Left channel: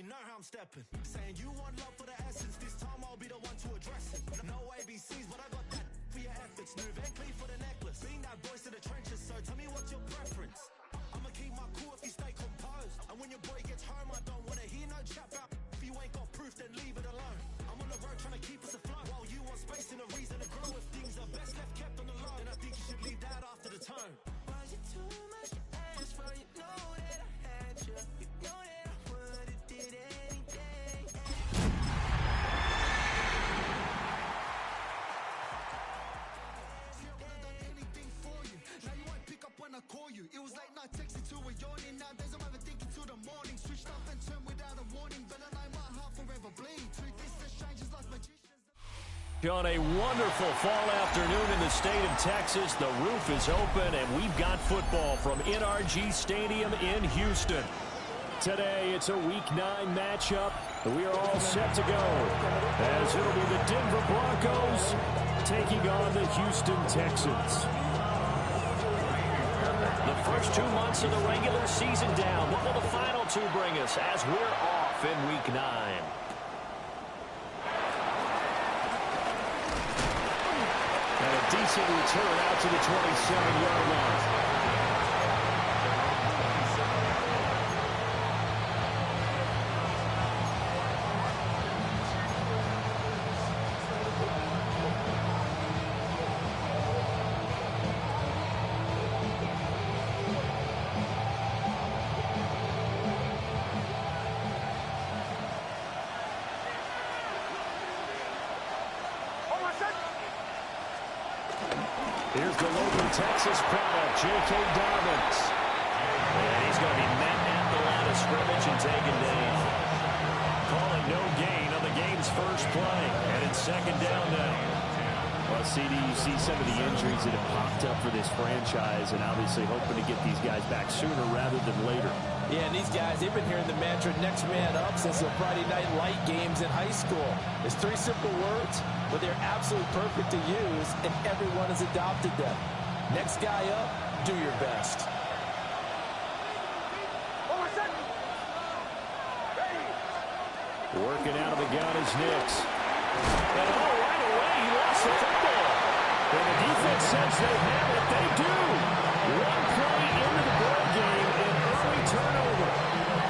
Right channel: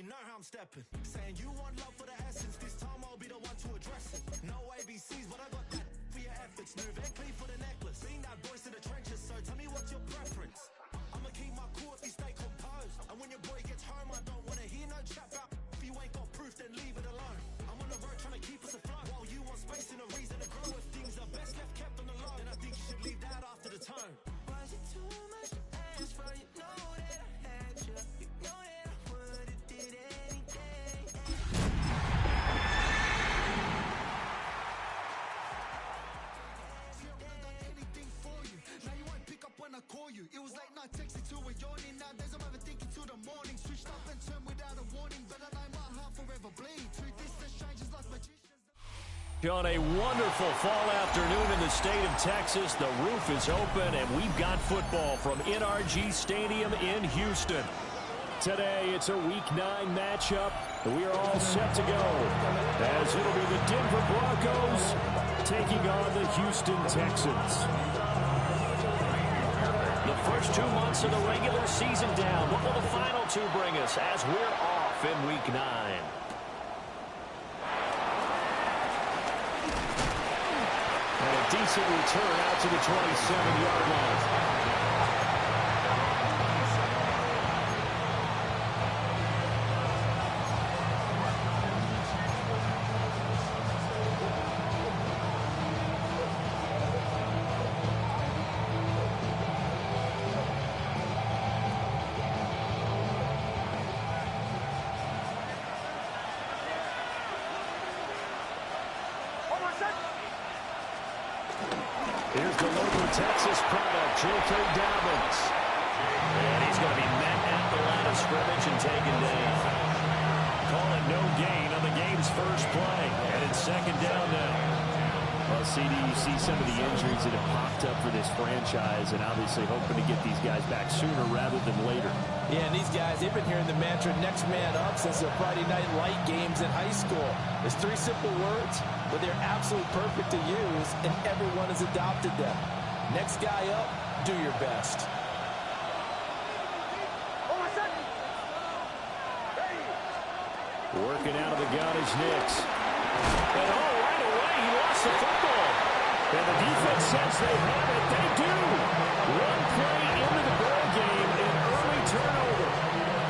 you know how I'm stepping. Saying you want love for the essence, this time I'll be the one to address it. No ABCs, but I got that for your efforts. New Van Cleef for the necklace. Being that voice in the trenches, so tell me what's your preference. I'ma keep my cool if you stay composed. And when your boy gets home, I don't wanna hear no chat about if you ain't got proof, then leave it alone. I'm on the road trying to keep us afloat, while you want space and a reason to grow. If things are best left kept on the low, then I think you should leave that after the tone. Was it too much to ask for? You know that I had you. You know that I would've did anything. See, I would've done anything for you. Now you won't pick up when I call you. It was late night texting to a yawning. Nowadays I'm overthinking till the morning. Switched up and turned without a warning, but I know my heart forever bleed. Truth is, the strangers like magicians. On a wonderful fall afternoon in the state of Texas, the roof is open, and we've got football from NRG Stadium in Houston. Today, it's a Week 9 matchup, and we are all set to go, as it'll be the Denver Broncos taking on the Houston Texans. The first 2 months of the regular season down. What will the final two bring us as we're off in Week 9? And a decent return out to the 27-yard line. Here's the local Texas product, J.K. Dobbins. And he's going to be met at the line of scrimmage and taken down. Call it no gain on the game's first play. And it's second down now. Well, CD, you see some of the injuries that have popped up for this franchise, and obviously hoping to get these guys back sooner rather than later. Yeah, and these guys, they've been hearing the mantra next man up since their Friday night light games in high school. It's 3 simple words, but they're absolutely perfect to use, and everyone has adopted them. Next guy up, do your best. Working out of the gun is Nix. And right away, he lost the football. And the defense says they have it. They do. One play into the ball game, an early turnover.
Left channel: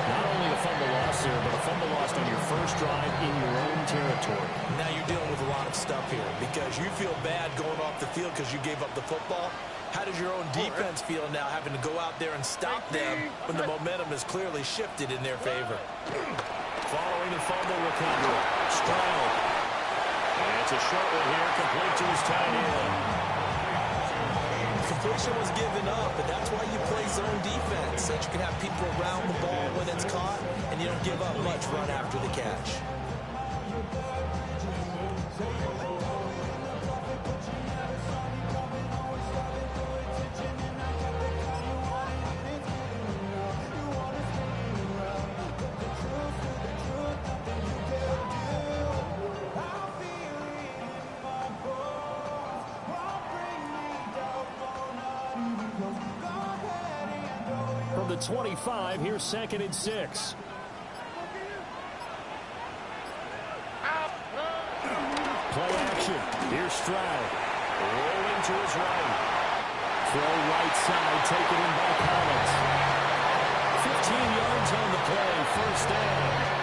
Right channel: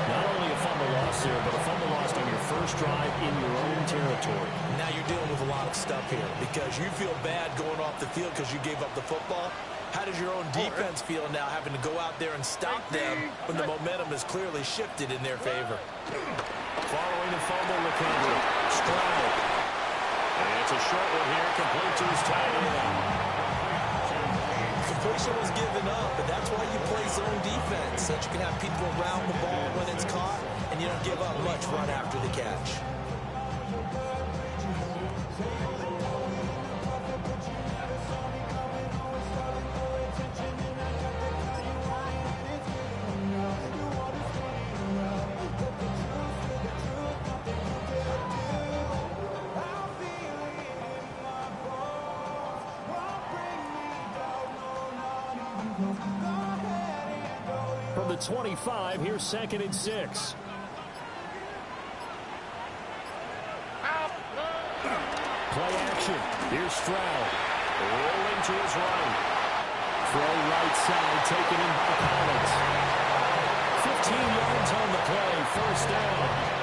Not only a fumble loss there, but a fumble lost on your first drive in your own territory. Now you're dealing with a lot of stuff here because you feel bad going off the field because you gave up the football. How does your own defense feel now having to go out there and stop them when the momentum is clearly shifted in their favor? Following the fumble recovery, Stroud. And it's a short one here, complete to his tight end. Completion was given up, and that's why you play zone defense, so that you can have people around the ball when it's caught, and you don't give up much run after the catch. From the 25, here's 2nd and 6. Play action. Here's Stroud. Rolling to his right. Throw right side, taken in by Collins. 15 yards on the play, first down.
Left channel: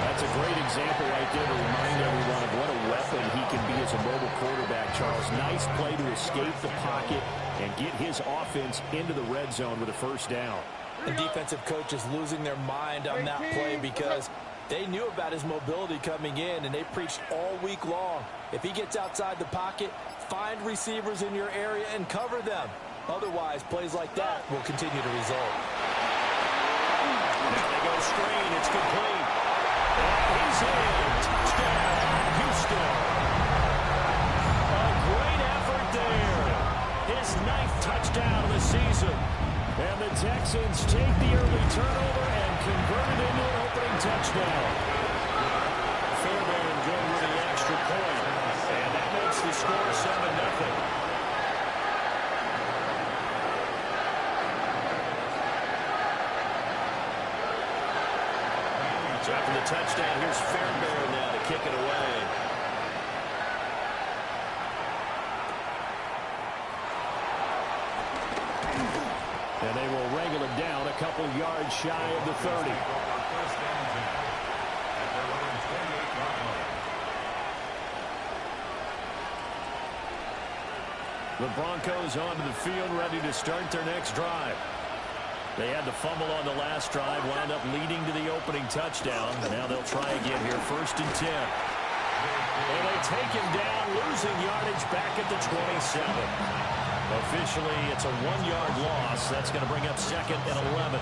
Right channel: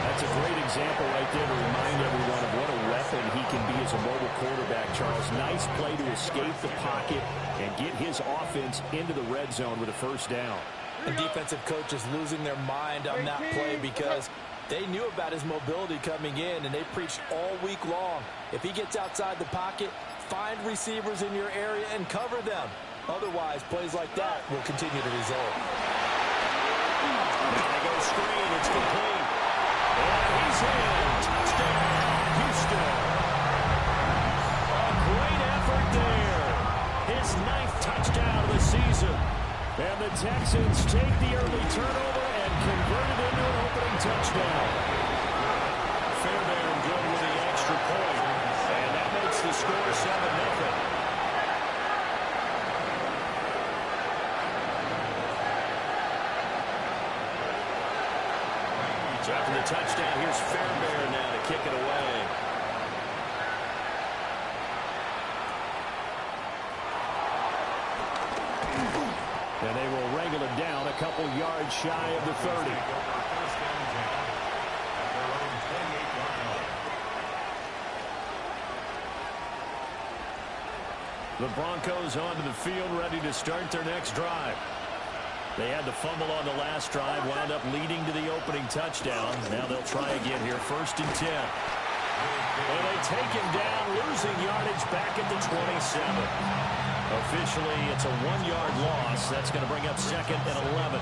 That's a great example right there to remind everyone of what a weapon he can be as a mobile quarterback, Charles. Nice play to escape the pocket and get his offense into the red zone with a first down. The defensive coach is losing their mind on that play because they knew about his mobility coming in, and they preached all week long. If he gets outside the pocket, find receivers in your area and cover them. Otherwise, plays like that will continue to result. Now they go screen. It's complete. And he's in. Touchdown, Houston. A great effort there. His 9th touchdown of the season. And the Texans take the early turnover and convert it into an opening touchdown. Fairbairn good with the extra point. And that makes the score 7-0. So after the touchdown, here's Fairbairn now to kick it away. And they will wrangle it down a couple yards shy of the 30. The Broncos onto the field, ready to start their next drive. They had the fumble on the last drive, wound up leading to the opening touchdown. Now they'll try again here, 1st and 10. And they take him down, losing yardage back at the 27. Officially, it's a 1-yard loss. That's going to bring up 2nd and 11.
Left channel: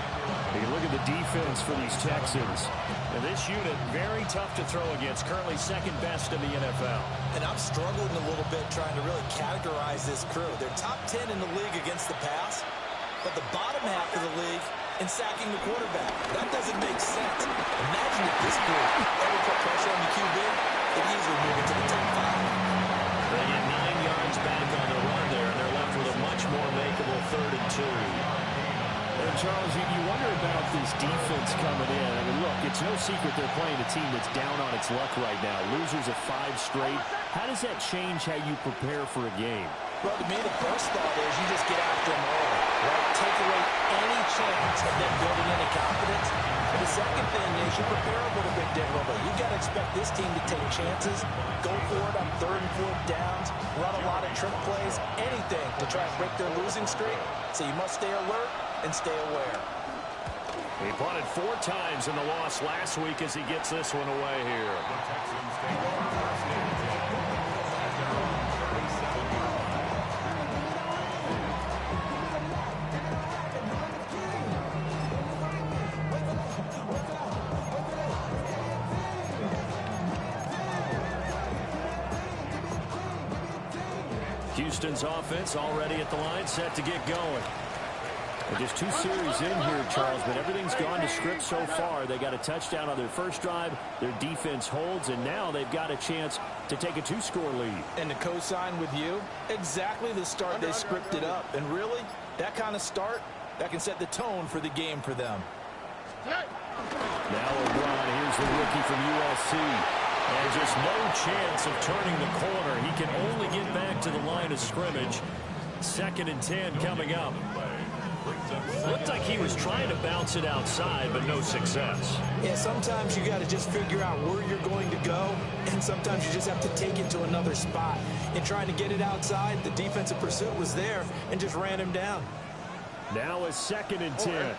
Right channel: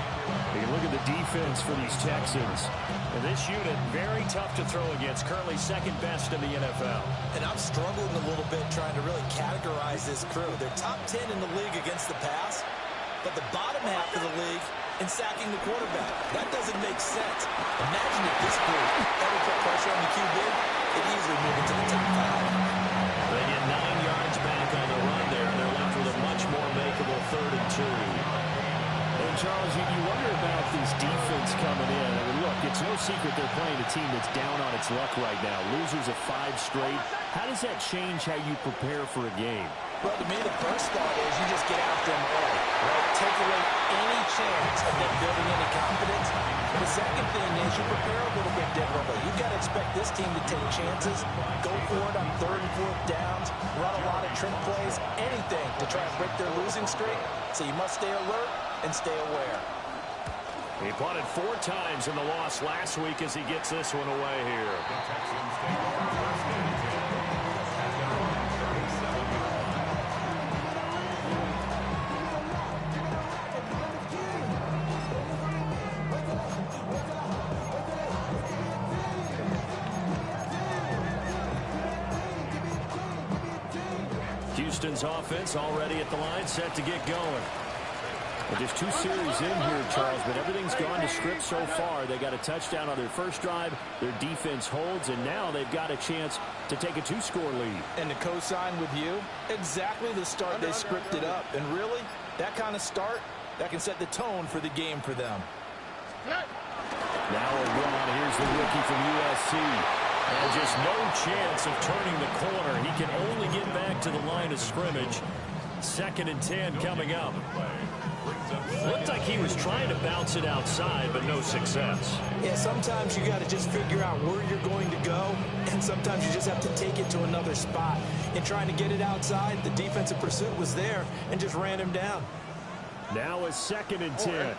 You look at the defense for these Texans. And this unit, very tough to throw against. Currently 2nd best in the NFL. And I'm struggling a little bit trying to really categorize this crew. They're top 10 in the league against the pass, but the bottom half of the league in sacking the quarterback. That doesn't make sense. Imagine if this group ever put pressure on the QB, they'd easily move into the top 5. They get 9 yards back on the run there, and they're left with a much more makeable 3rd and 2. And Charles, you wonder about this defense coming in. I mean, look, it's no secret they're playing a team that's down on its luck right now. Losers of 5 straight. How does that change how you prepare for a game? Well, to me, the first thought is you just get after them early, right? Take away any chance of them building any confidence. The second thing is you prepare a little bit differently. You've got to expect this team to take chances, go for it on 3rd and 4th downs, run a lot of trick plays, anything to try and break their losing streak. So you must stay alert and stay aware. He punted 4 times in the loss last week as he gets this one away here. The Texans take over 1st and 10 at their own 37-yard line. Houston's offense already at the line, set to get going. Well, just 2 series in here, Charles, but everything's gone to script so far. They got a touchdown on their first drive. Their defense holds, and now they've got a chance to take a 2-score lead. And to co-sign with you, exactly the start they scripted up. And really, that kind of start, that can set the tone for the game for them. Now a run. Here's the rookie from USC. And just no chance of turning the corner. He can only get back to the line of scrimmage. 2nd and 10 coming up. Looked like he was trying to bounce it outside, but no success. Yeah, sometimes you got to just figure out where you're going to go, and sometimes you just have to take it to another spot. In trying to get it outside, the defensive pursuit was there and just ran him down. Now a 2nd and 10.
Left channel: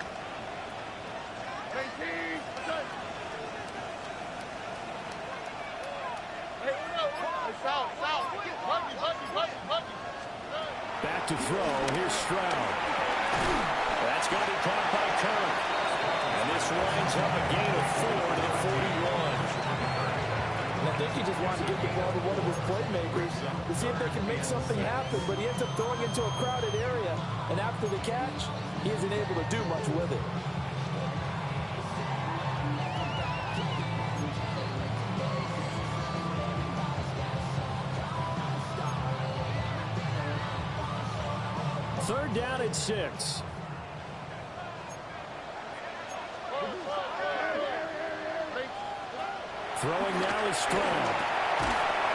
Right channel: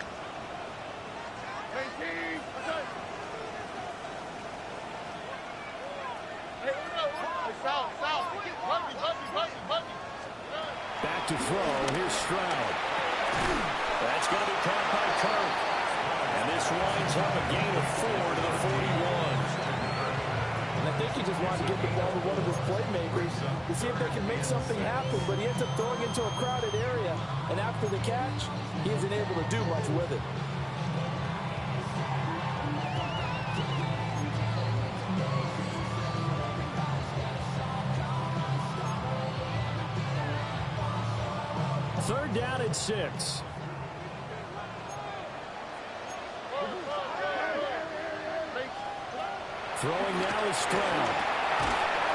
Back to throw. Here's Stroud. That's going to be caught by Kirk. And this winds up a gain of 4 to the 41. And I think he just wanted to get the ball to one of his playmakers to see if they can make something happen, but he ends up throwing into a crowded area. And after the catch, he isn't able to do much with it. Third down at 6. Throwing now is Stroud.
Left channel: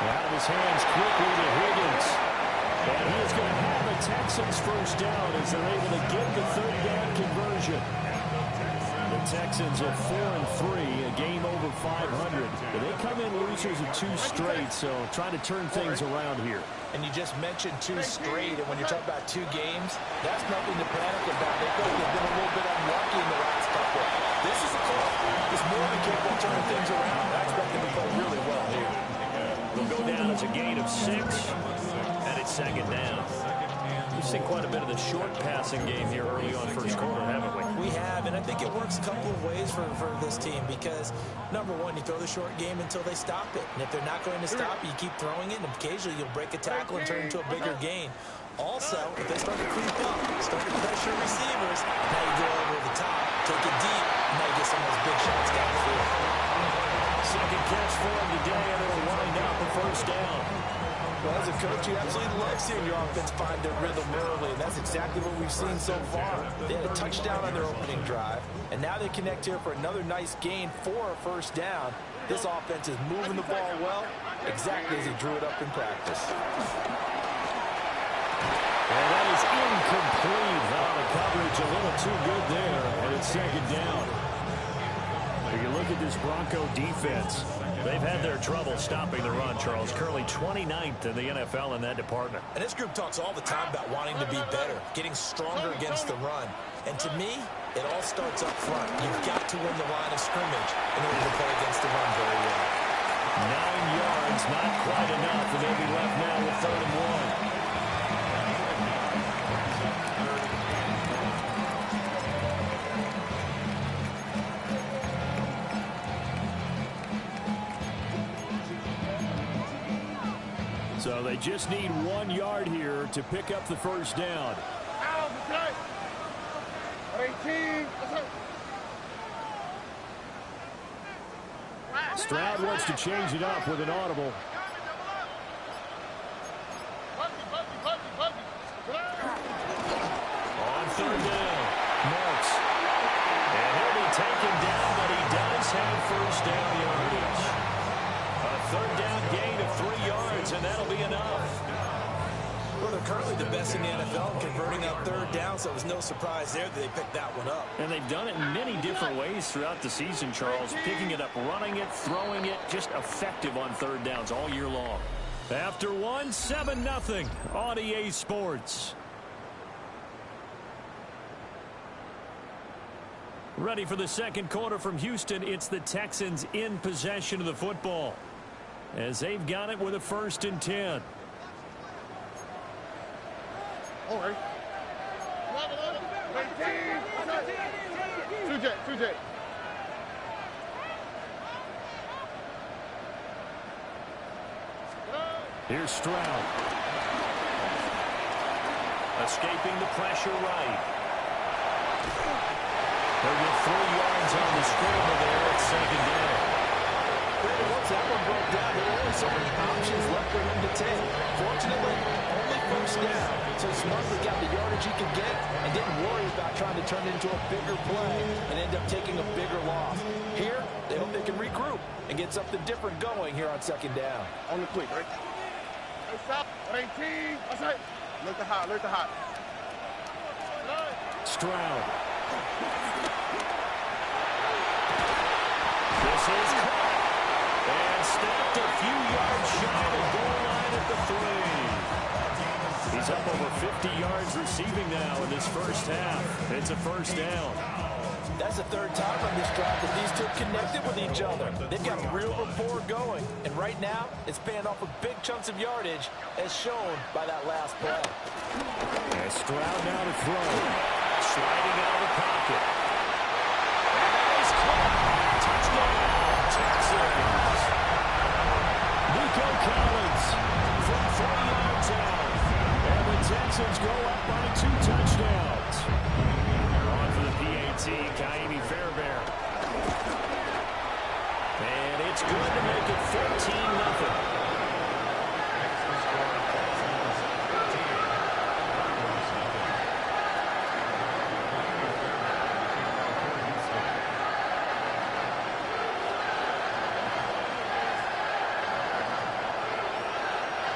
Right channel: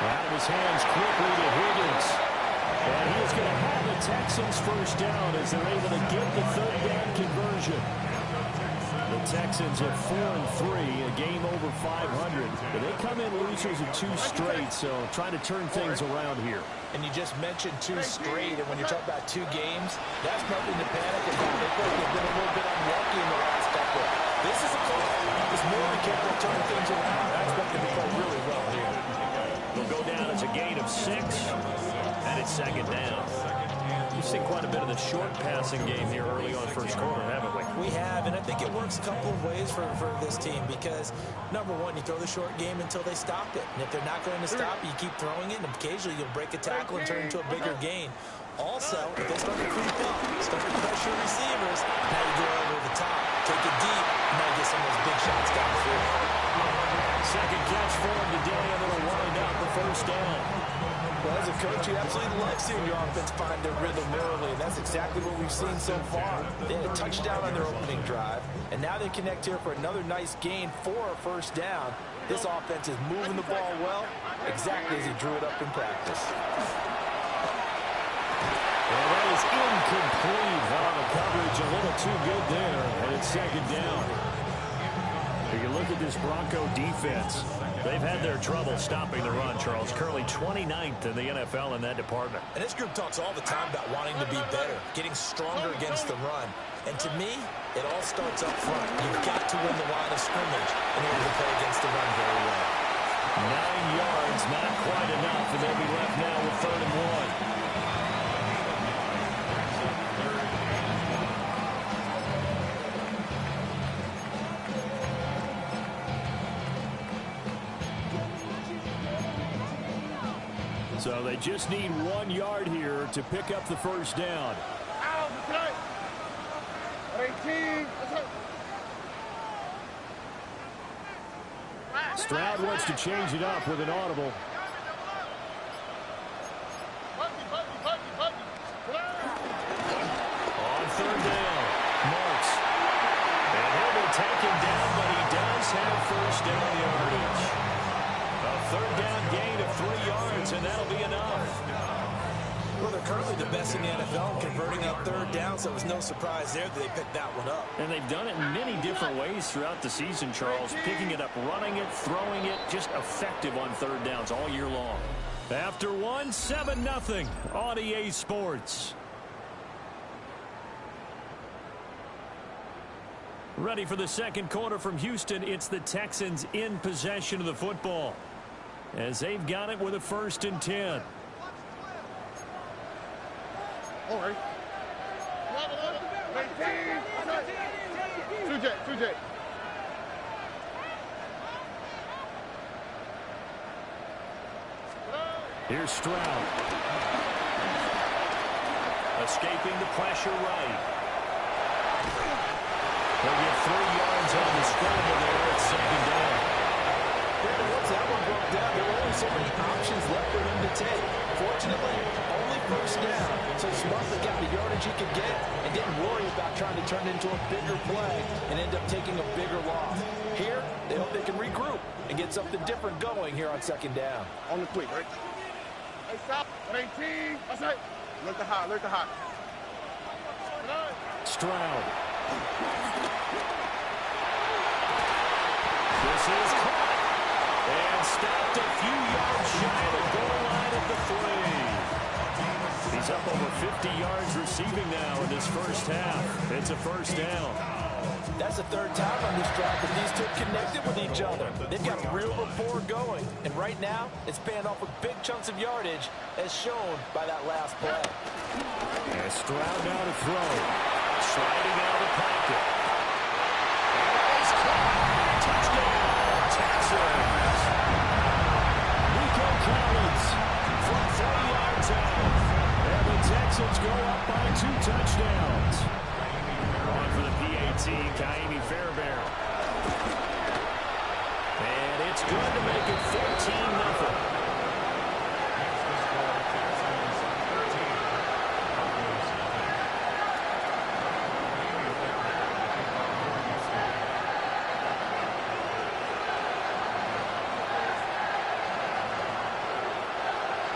Out of his hands quickly to Higgins. And he is going to have the Texans first down as they're able to get the 3rd down conversion. The Texans are 4-3, a game over 500. But they come in losers of 2 straight, so trying to turn things around here. And you just mentioned 2 straight, and when you're talking about 2 games, that's nothing to panic about. They feel like they've been a little bit unlucky in the last couple. This is a club. It's more than capable of turning things around. I expect them to play really well here. They'll go down as a gain of 6, and it's 2nd down. We've seen quite a bit of the short passing game here early on first quarter, haven't we? We have, and I think it works a couple of ways for this team because, number one, you throw the short game until they stop it. And if they're not going to stop it, you keep throwing it, and occasionally you'll break a tackle and turn it into a bigger gain. Also, if they start to creep up, start to pressure receivers, now you go over the top, take it deep, and now you get some of those big shots downfield. Second catch for him today, and it'll wind up a first down. Well, as a coach, you absolutely love seeing your offense find their rhythm early, and that's exactly what we've seen so far. They had a touchdown on their opening drive, and now they connect here for another nice gain for a first down. This offense is moving the ball well, exactly as he drew it up in practice. And that is incomplete. The coverage a little too good there, and it's second down. If you look at this Bronco defense, they've had their trouble stopping the run, Charles. Currently 29th in the NFL in that department. And this group talks all the time about wanting to be better, getting stronger against the run. And to me, it all starts up front. You've got to win the line of scrimmage in order to play against the run very well. 9 yards, not quite enough, and they'll be left now with 3rd and 1. So they just need 1 yard here to pick up the first down. Stroud wants to change it up with an audible. On 3rd down, Marks. And he'll be taken down, but he does have first down yardage. A 3rd down gain of 3 yards, and that'll be enough. Well, they're currently the best in the NFL in converting on 3rd down, so it was no surprise there that they picked that one up. And they've done it in many different ways throughout the season, Charles. Picking it up, running it, throwing it, just effective on 3rd downs all year long. After one, 7-0 on EA Sports. Ready for the second quarter from Houston. It's the Texans in possession of the football, as they've got it with a 1st and 10. All right. 2J. Here's Stroud. Escaping the pressure right. They'll get 3 yards on the scramble there at 2nd down. Brandon, once that one broke down, there were only so many options left for him to take. Fortunately, only 1st down, so smartly got the yardage he could get and didn't worry about trying to turn it into a bigger play and end up taking a bigger loss. Here, they hope they can regroup and get something different going here on 2nd down. On the quick, right? Hey, stop. 18. That's right. Look the hot. Stroud. This is caught and stopped a few yards shy of the goal line at the 3. He's up over 50 yards receiving now in this first half. It's a 1st down. That's the 3rd time on this drive that these two connected with each other. They've got real rapport going, and right now it's paying off with big chunks of yardage, as shown by that last play. And Stroud now to throw. Sliding out of the pocket. And that is caught. Touchdown, Texans. Nico Collins from 3 yards out. And the Texans go up by 2 touchdowns. On for the PAT, Kaimi Fairbairn. And it's good to make it 14-0.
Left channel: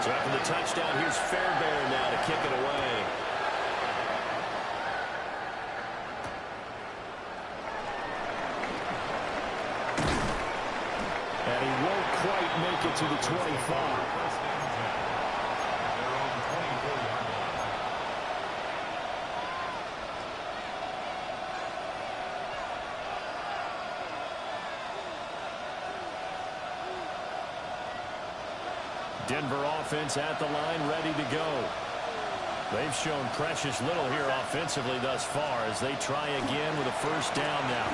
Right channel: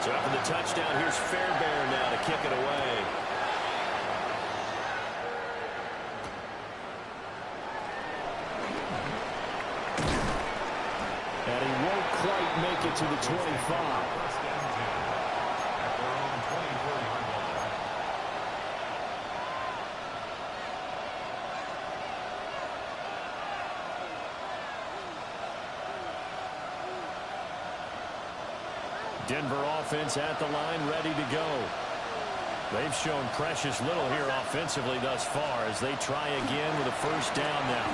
So after the touchdown, here's Fairbairn now to kick it away. And he won't quite make it to the 25. Denver offense at the line, ready to go. They've shown precious little here offensively thus far as they try again with a 1st down now.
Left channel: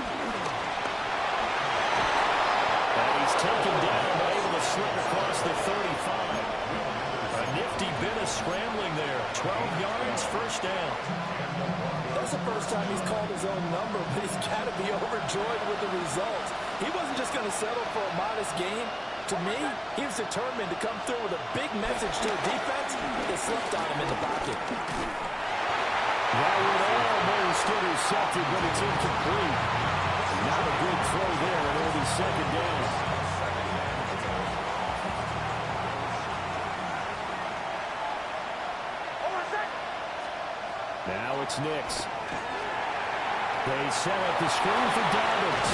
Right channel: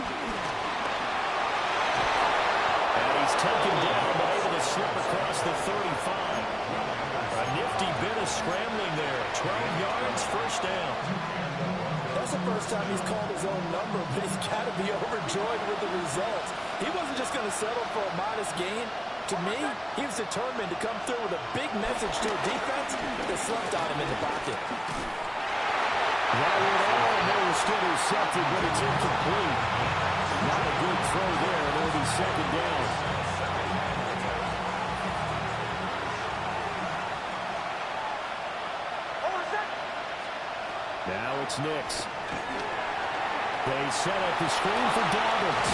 And he's taken down but able to slip across the 35. A nifty bit of scrambling there. 12 yards, 1st down. That's the first time he's called his own number, but he's got to be overjoyed with the result. He wasn't just going to settle for a modest gain. To me, he was determined to come through with a big message to a defense that slumped on him in the pocket. That would almost intercepted, but it's incomplete. Not a good throw there, and it'll be second down. Now it's Nix. They set up the screen for Dobbins.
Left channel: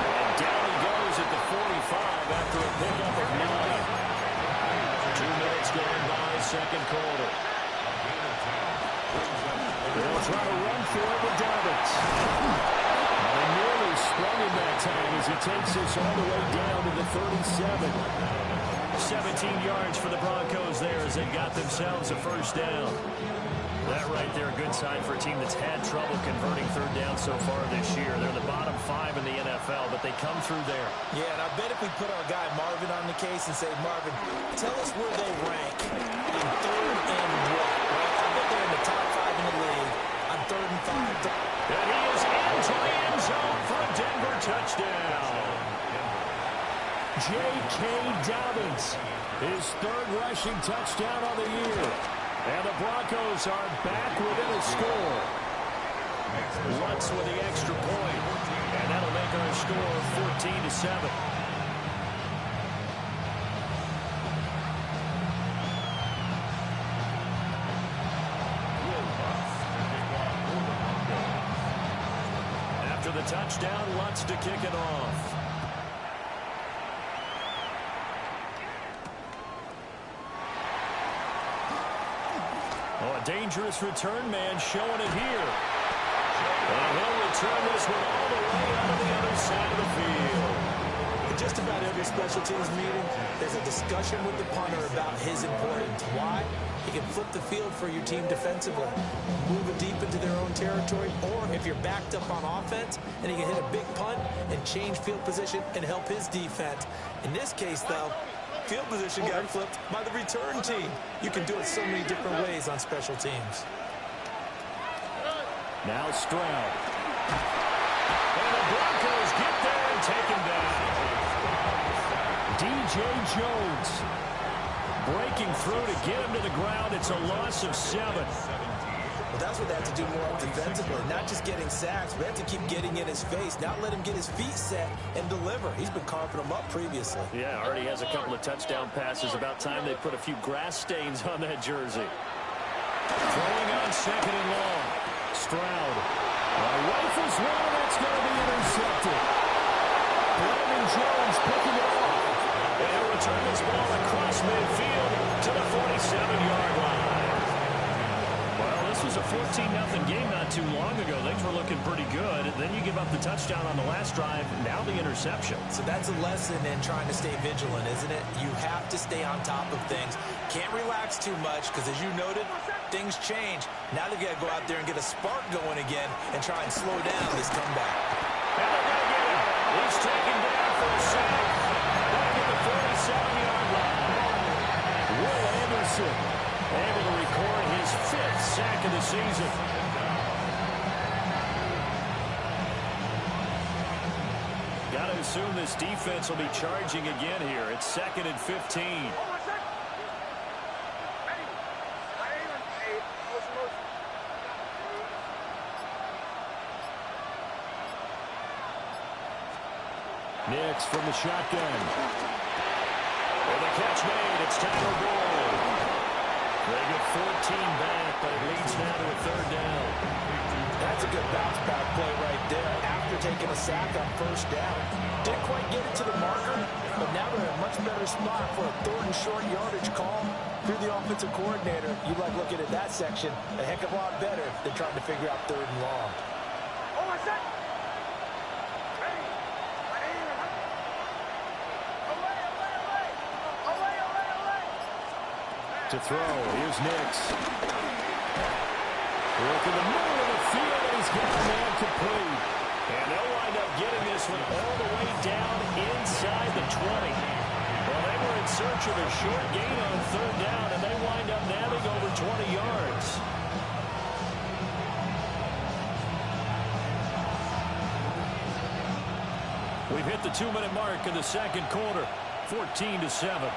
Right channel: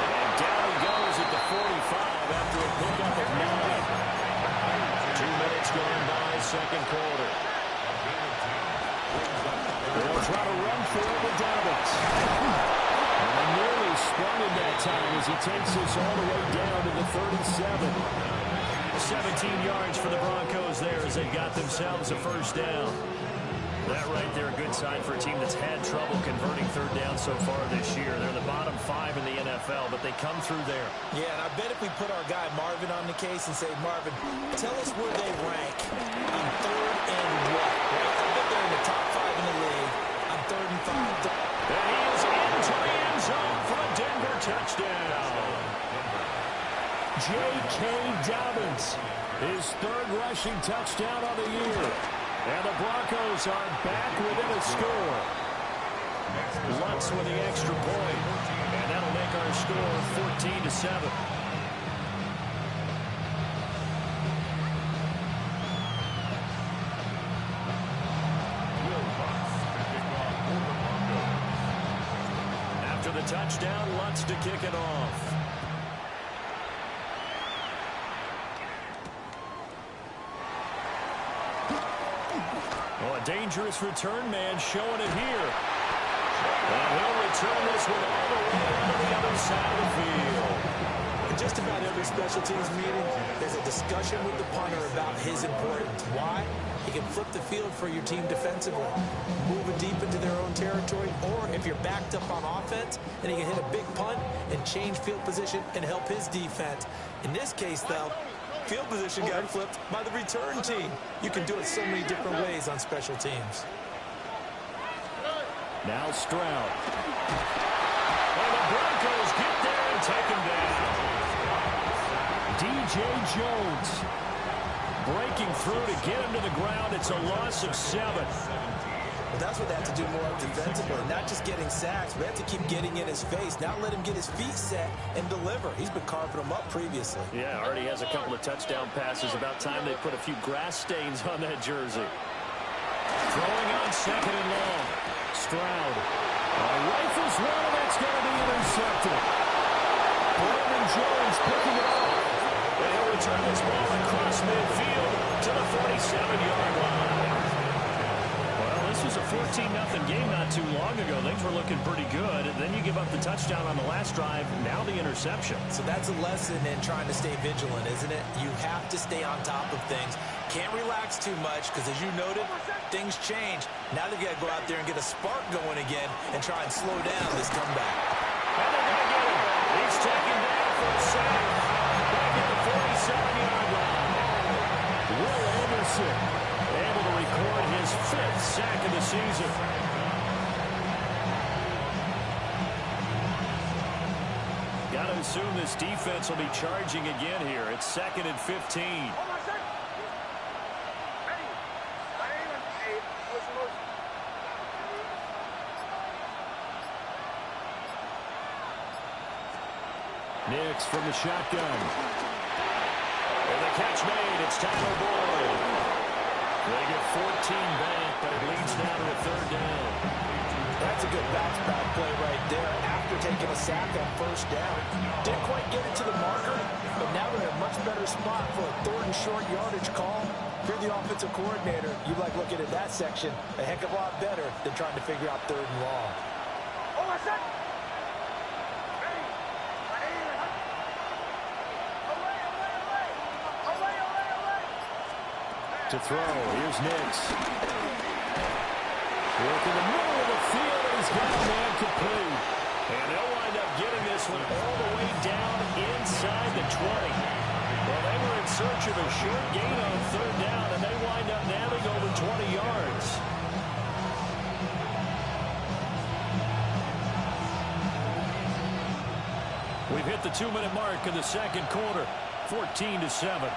And down he goes at the 45 after a pickup of 9. 2 minutes gone by, second quarter. They'll try to run for it with Dobbins. And nearly sprung him that time as he takes this all the way down to the 37. 17 yards for the Broncos there as they got themselves a first down. That right there, a good sign for a team that's had trouble converting third down so far this year. They're in the bottom 5 in the NFL, but they come through there. Yeah, and I bet if we put our guy Marvin on the case and say, Marvin, tell us where they rank on third and what, right? I bet they're in the top 5 in the league on 3rd and 5. And he is into the end zone for a Denver touchdown. J.K. Dobbins, his 3rd rushing touchdown of the year. And the Broncos are back within a score. Lutz with the extra point. And that'll make our score 14-7. After the touchdown, Lutz to kick it off. Oh, a dangerous return man showing it here. And he'll return this one all the way out of the other side of the field. In just about every special teams meeting, there's a discussion with the punter about his importance. Why? He can flip the field for your team defensively, move it deep into their own territory, or if you're backed up on offense, and he can hit a big punt and change field position and help his defense. In this case, though, field position got flipped by the return team. You can do it so many different ways on special teams. Now Stroud. And the Broncos get there and take him down. D.J. Jones breaking through to get him to the ground. It's a loss of 7. But that's what they have to do more defensively, not just getting sacks, but they have to keep getting in his face, not let him get his feet set and deliver. He's been carving them up previously. Yeah, already has a couple of touchdown passes. About time they put a few grass stains on that jersey. Throwing on 2nd and long. Stroud. Rifles one, and that's going to be intercepted. Brandon Jones picking it off. And he'll return this ball across midfield to the 47-yard line. Well, this was a 14-0 game not too long ago. Things were looking pretty good. Then you give up the touchdown on the last drive. Now the interception. So that's a lesson in trying to stay vigilant, isn't it? You have to stay on top of things. Can't relax too much because, as you noted, things change. Now they've got to go out there and get a spark going again and try and slow down this comeback. And they're going to get him. He's taken down for a sack back at the 47-yard line. Will Anderson able to record his 5th sack of the season. Got to assume this defense will be charging again here. It's 2nd and 15. Nix from the shotgun. And the catch made. It's Tyler Boyd. They get 14 back, but it leads now to a 3rd down. That's a good bounce-back play right there after taking a sack on 1st down. Didn't quite get it to the marker, but now they're in a much better spot for a 3rd and short yardage call. If you're the offensive coordinator, you like looking at that section a heck of a lot better than trying to figure out 3rd and long. To throw, here's Nix. Work in the middle of the field, and he's got a man complete. And they'll wind up getting this one all the way down inside the 20. Well, they were in search of a short gain on 3rd down, and they wind up nabbing over 20 yards. We've hit the 2-minute mark in the second quarter, 14-7.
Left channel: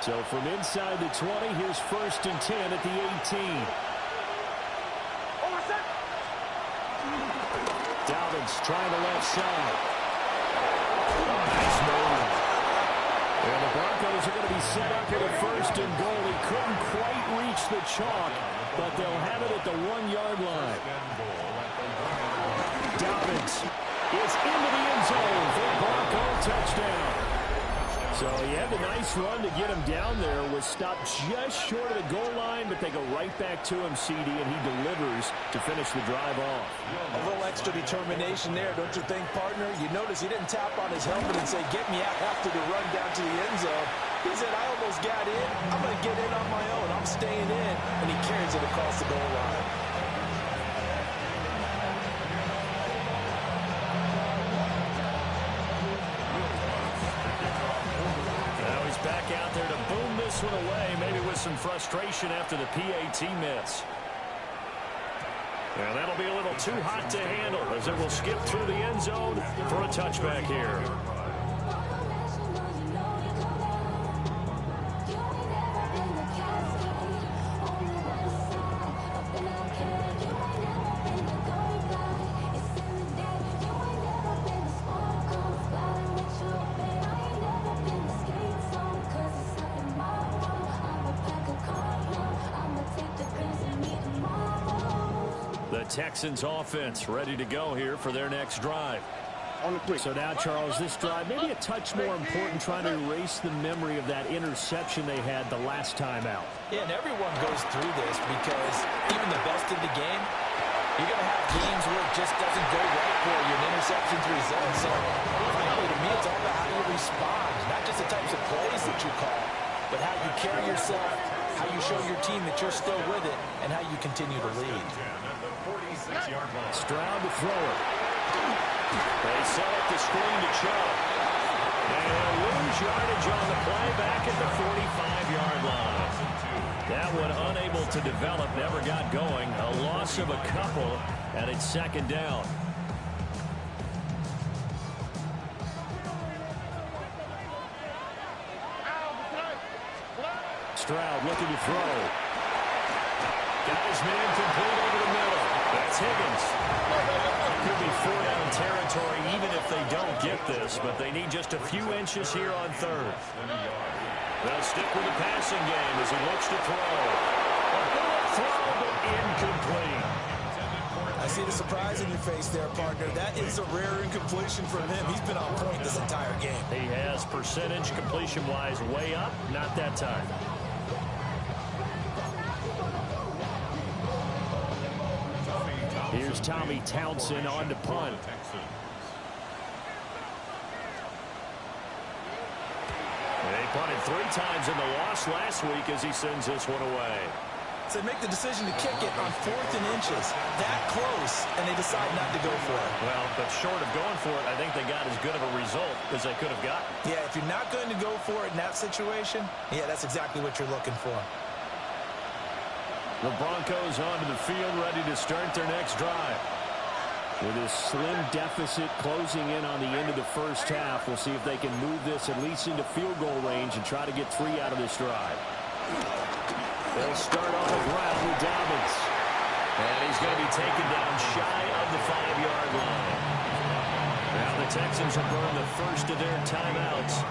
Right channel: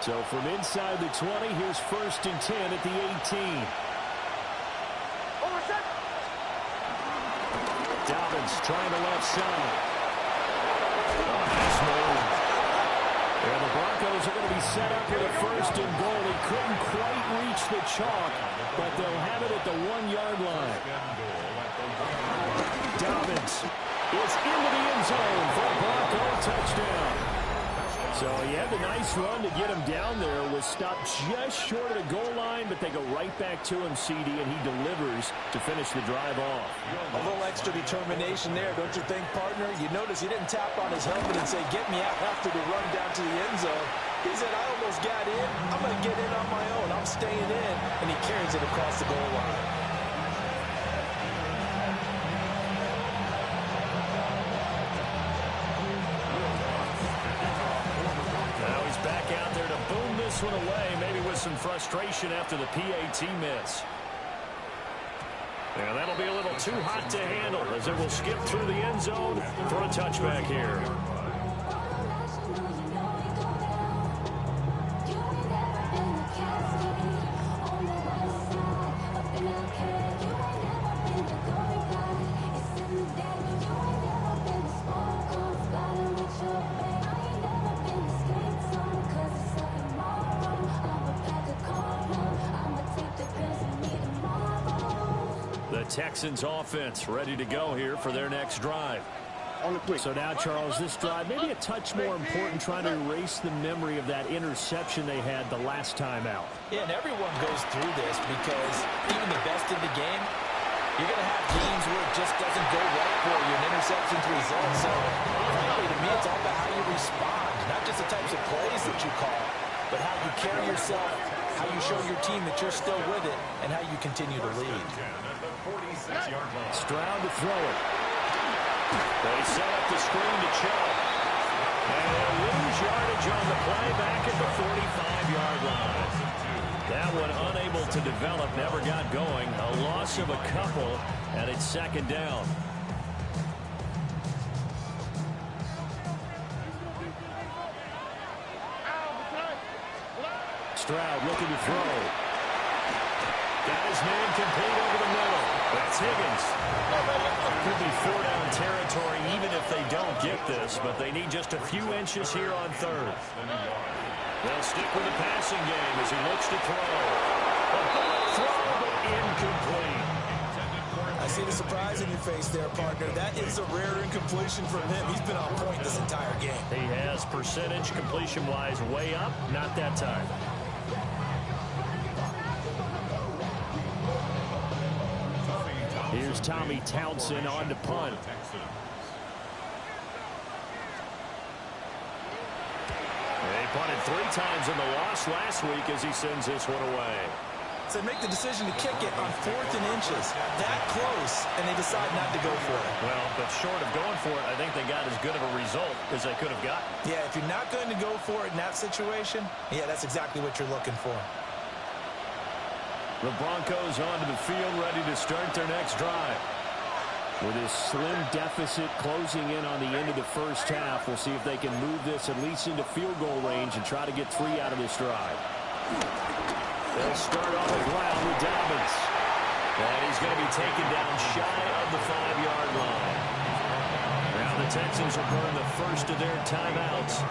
So from inside the 20, here's 1st and 10 at the 18. Dobbins trying the left side. Oh, nice move. And the Broncos are going to be set up with a 1st and goal. He couldn't quite reach the chalk, but they'll have it at the 1-yard line. Dobbins is into the end zone for a Bronco touchdown. So he had the nice run to get him down there, was stopped just short of the goal line, but they go right back to him, CD, and he delivers to finish the drive off. A little extra determination there, don't you think, partner? You notice he didn't tap on his helmet and say, get me out after the run down to the end zone. He said, I almost got in. I'm going to get in on my own. I'm staying in. And he carries it across the goal line. Now he's back out there to boom this one away, maybe with some frustration after the PAT miss. And that'll be a little too hot to handle as it will skip through the end zone for a touchback here. The Texans offense ready to go here for their next drive. So now, Charles, this drive maybe a touch more important, trying to erase the memory of that interception they had the last time out. Yeah, and everyone goes through this because even the best in the game, you're going to have games where it just doesn't go right for you, and interceptions result. So, frankly, to me, it's all about how you respond, not just the types of plays that you call, but how you carry yourself, how you show your team that you're still with it, and how you continue to lead. Stroud to throw it. They set up the screen to Chubb. And they'll lose yardage on the play back at the 45-yard line. That one unable to develop, never got going. A loss of a couple, and it's second down. Stroud looking to throw. Got his man complete over the middle. That's Higgins. Could be 4-down territory even if they don't get this, but they need just a few inches here on third. They'll stick with the passing game as he looks to throw. A bullet throw, but incomplete. I see the surprise in your face there, partner. That is a rare incompletion from him. He's been on point this entire game. He has percentage completion-wise way up, not that time. Here's Tommy Townsend on to punt. They punted 3 times in the loss last week as he sends this one away. So they make the decision to kick it on 4th and inches. That close, and they decide not to go for it. Well, but short of going for it, I think they got as good of a result as they could have gotten. Yeah, if you're not going to go for it in that situation, yeah, that's exactly what you're looking for. The Broncos onto the field, ready to start their next drive. With his slim deficit closing in on the end of the first half, we'll see if they can move this at least into field goal range and try to get 3 out of this drive. They'll start on the ground with Dobbins. And he's going to be taken down shy of the 5-yard line. Now the Texans will burn the first of their timeouts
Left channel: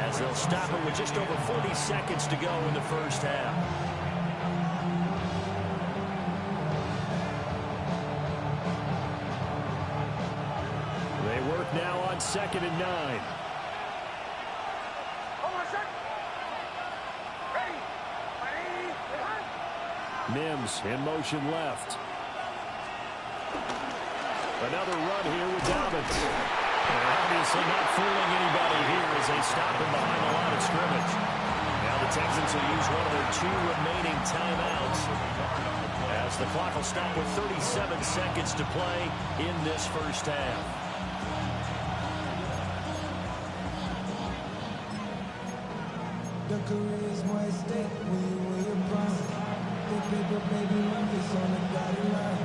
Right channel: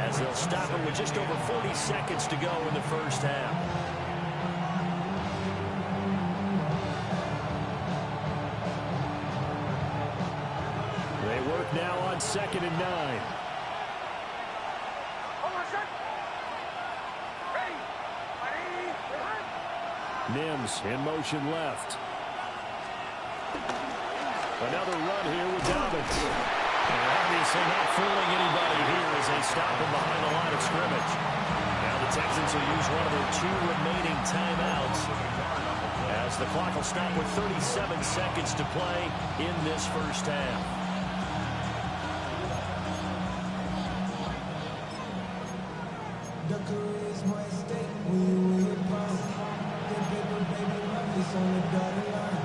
as they'll stop it with just over 40 seconds to go in the first half. They work now on 2nd and 9. Mims in motion left. Another run here with Dobbins. And obviously not fooling anybody here as they stop him behind the line of scrimmage. Now the Texans will use one of their 2 remaining timeouts as the clock will stop with 37 seconds to play in this first half. The career is more at stake when you win your prime. The paper, baby, my face on the dotted line.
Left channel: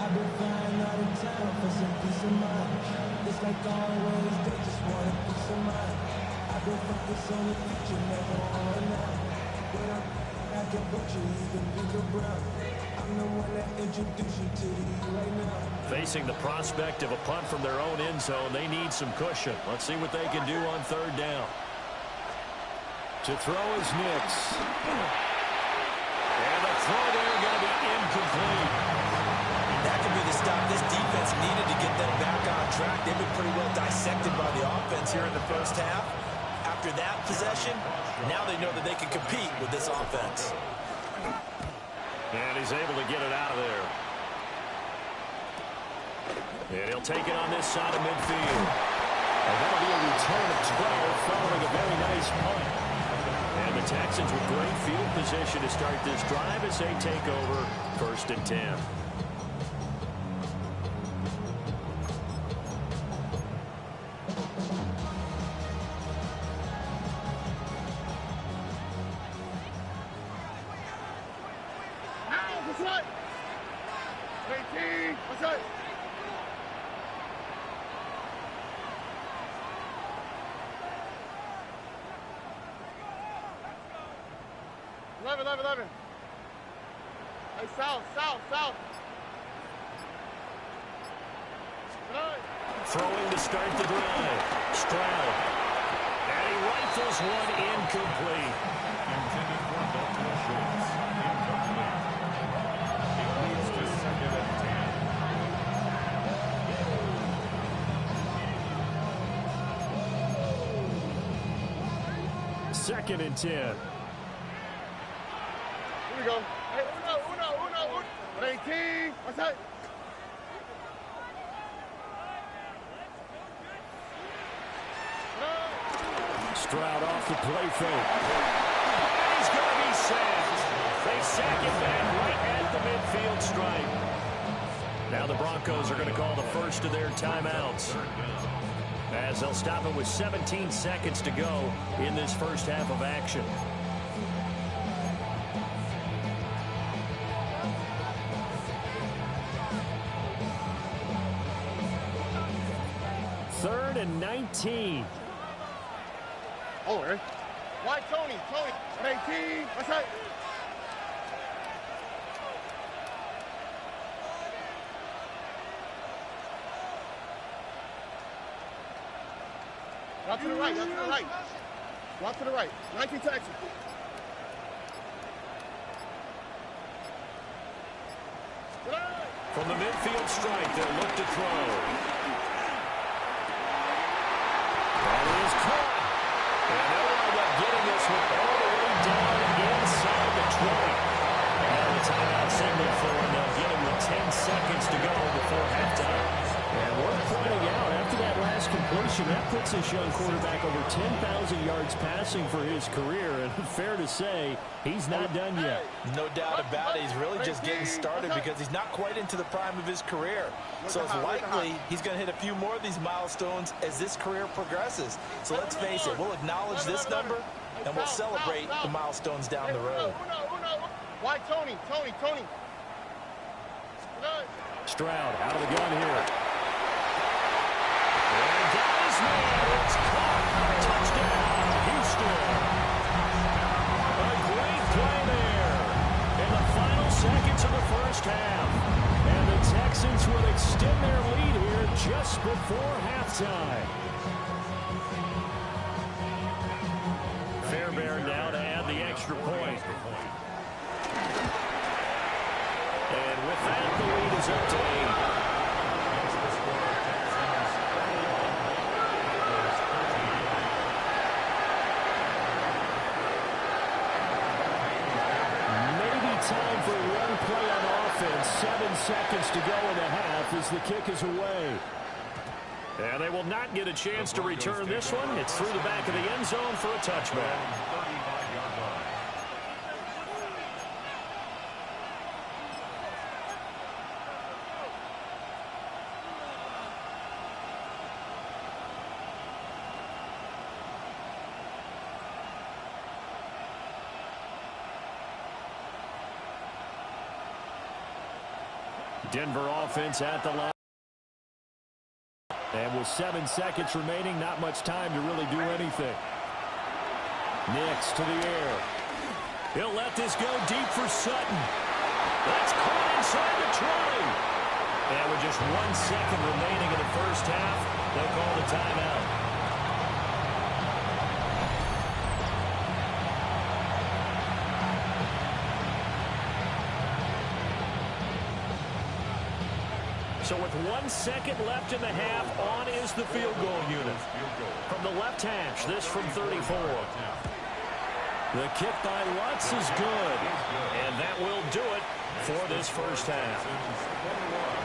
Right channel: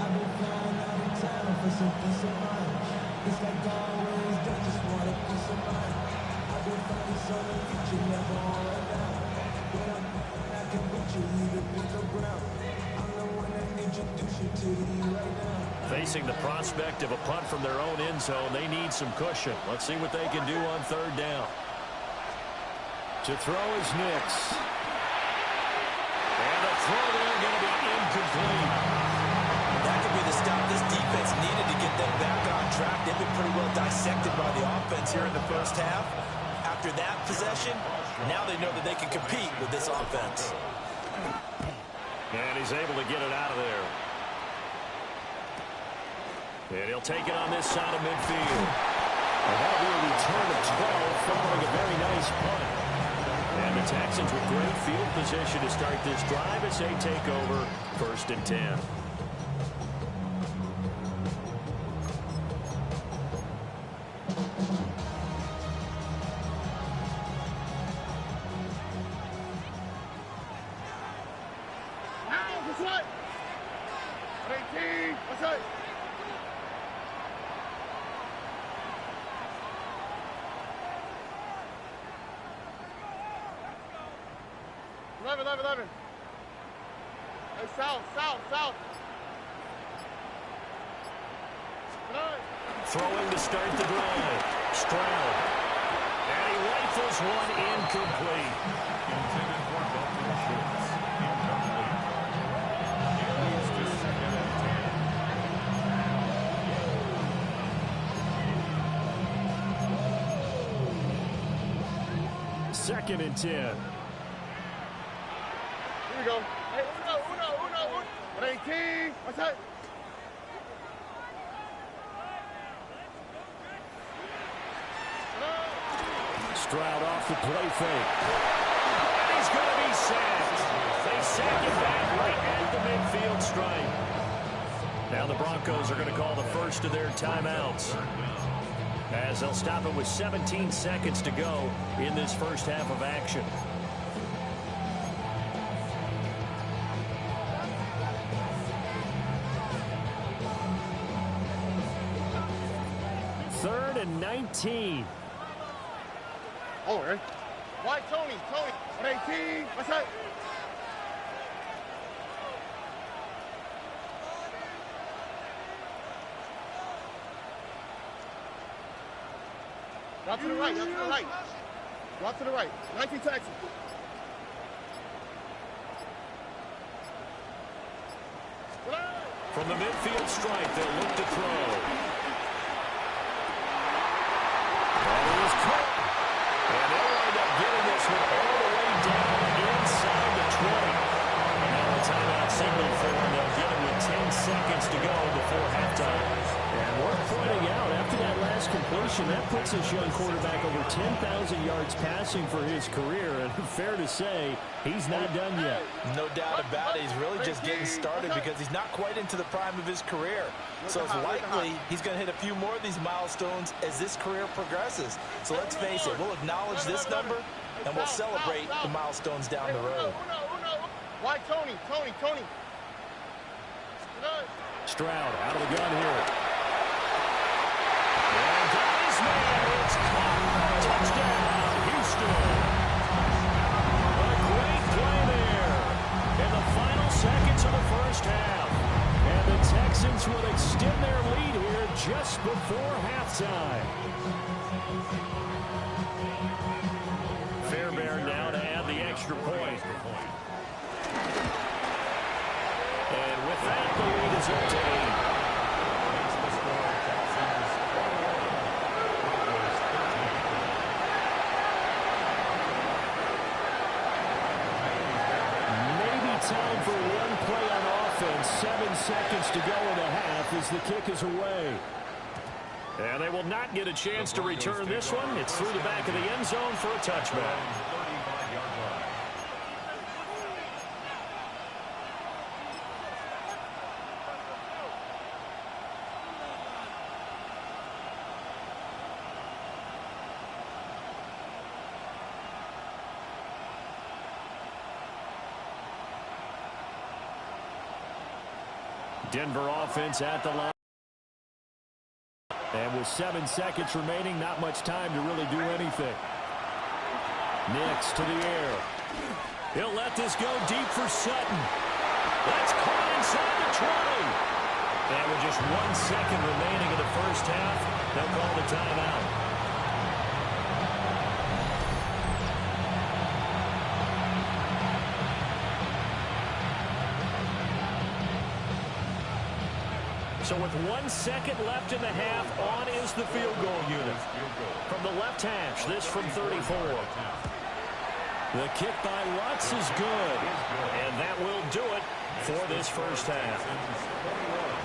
I've been flying out of town for some peace of mind. It's like always, they just want a piece of mind. I've been focused on the future, never on right now. When I'm I can put you either pink or brown. I'm the one that introduced you to the E right now. Facing the prospect of a punt from their own end zone, they need some cushion. Let's see what they can do on third down. To throw is Nix. And the throw there going to be incomplete. That could be the stop this defense needed to get them back on track. They've been pretty well dissected by the offense here in the first half. After that possession, now they know that they can compete with this offense. And he's able to get it out of there. And he'll take it on this side of midfield. And that'll be a return of 12 following a very nice punt. And the Texans with great field position to start this drive as they take over 1st and 10. That's right. 18. That's right. Eleven. Hey, south. Throwing to start the drive. Stroud. And he rifles one incomplete. Intended for Dalton Schultz. Incomplete. It leads to 2nd and 10. 2nd and 10. Here we go. Hey, uno. 18. What's that? Stroud off the play fake. And he's going to be sacked. They sack him back right at the midfield stripe. Now the Broncos are going to call the first of their timeouts, as they'll stop it with 17 seconds to go in this first half of action. Third and 19. Oh, right. Why, Tony? 18. What's that? Go out to the right. Go out to the right. 19 Texans. From the midfield stripe, they'll look to throw. That is caught. And they'll wind up getting this one all the way down inside the 20. And now the timeout signal for them. They'll get him with 10 seconds to go before halftime. And worth pointing out, after that last completion, that puts this young quarterback over 10,000 yards passing for his career. And fair to say, he's not done yet. No doubt about it. He's really just getting started because he's not quite into the prime of his career. So it's likely he's going to hit a few more of these milestones as this career progresses. So let's face it, we'll acknowledge this number and we'll celebrate the milestones down the road. Why, Tony? Stroud out of the gun here. And got his man. It's caught. Touchdown, Houston. A great play there in the final seconds of the first half. And the Texans will extend their lead here just before halftime. Fairbairn now to add the extra point. And with that, the lead is up to 8. Makes the score Texans 21. Broncos 13. Maybe time for one play on offense. 7 seconds to go in the half as the kick is away. And they will not get a chance to return this one. It's through the back of the end zone for a touchback. 35-yard line. Denver offense at the line. And with 7 seconds remaining, not much time to really do anything. Nix to the air. He'll let this go deep for Sutton. That's caught inside the 20. And with just 1 second remaining in the first half, they'll call the timeout. So with 1 second left in the half, on is the field goal unit. From the left hash, this from 34. The kick by Lutz is good. And that will do it for this first half.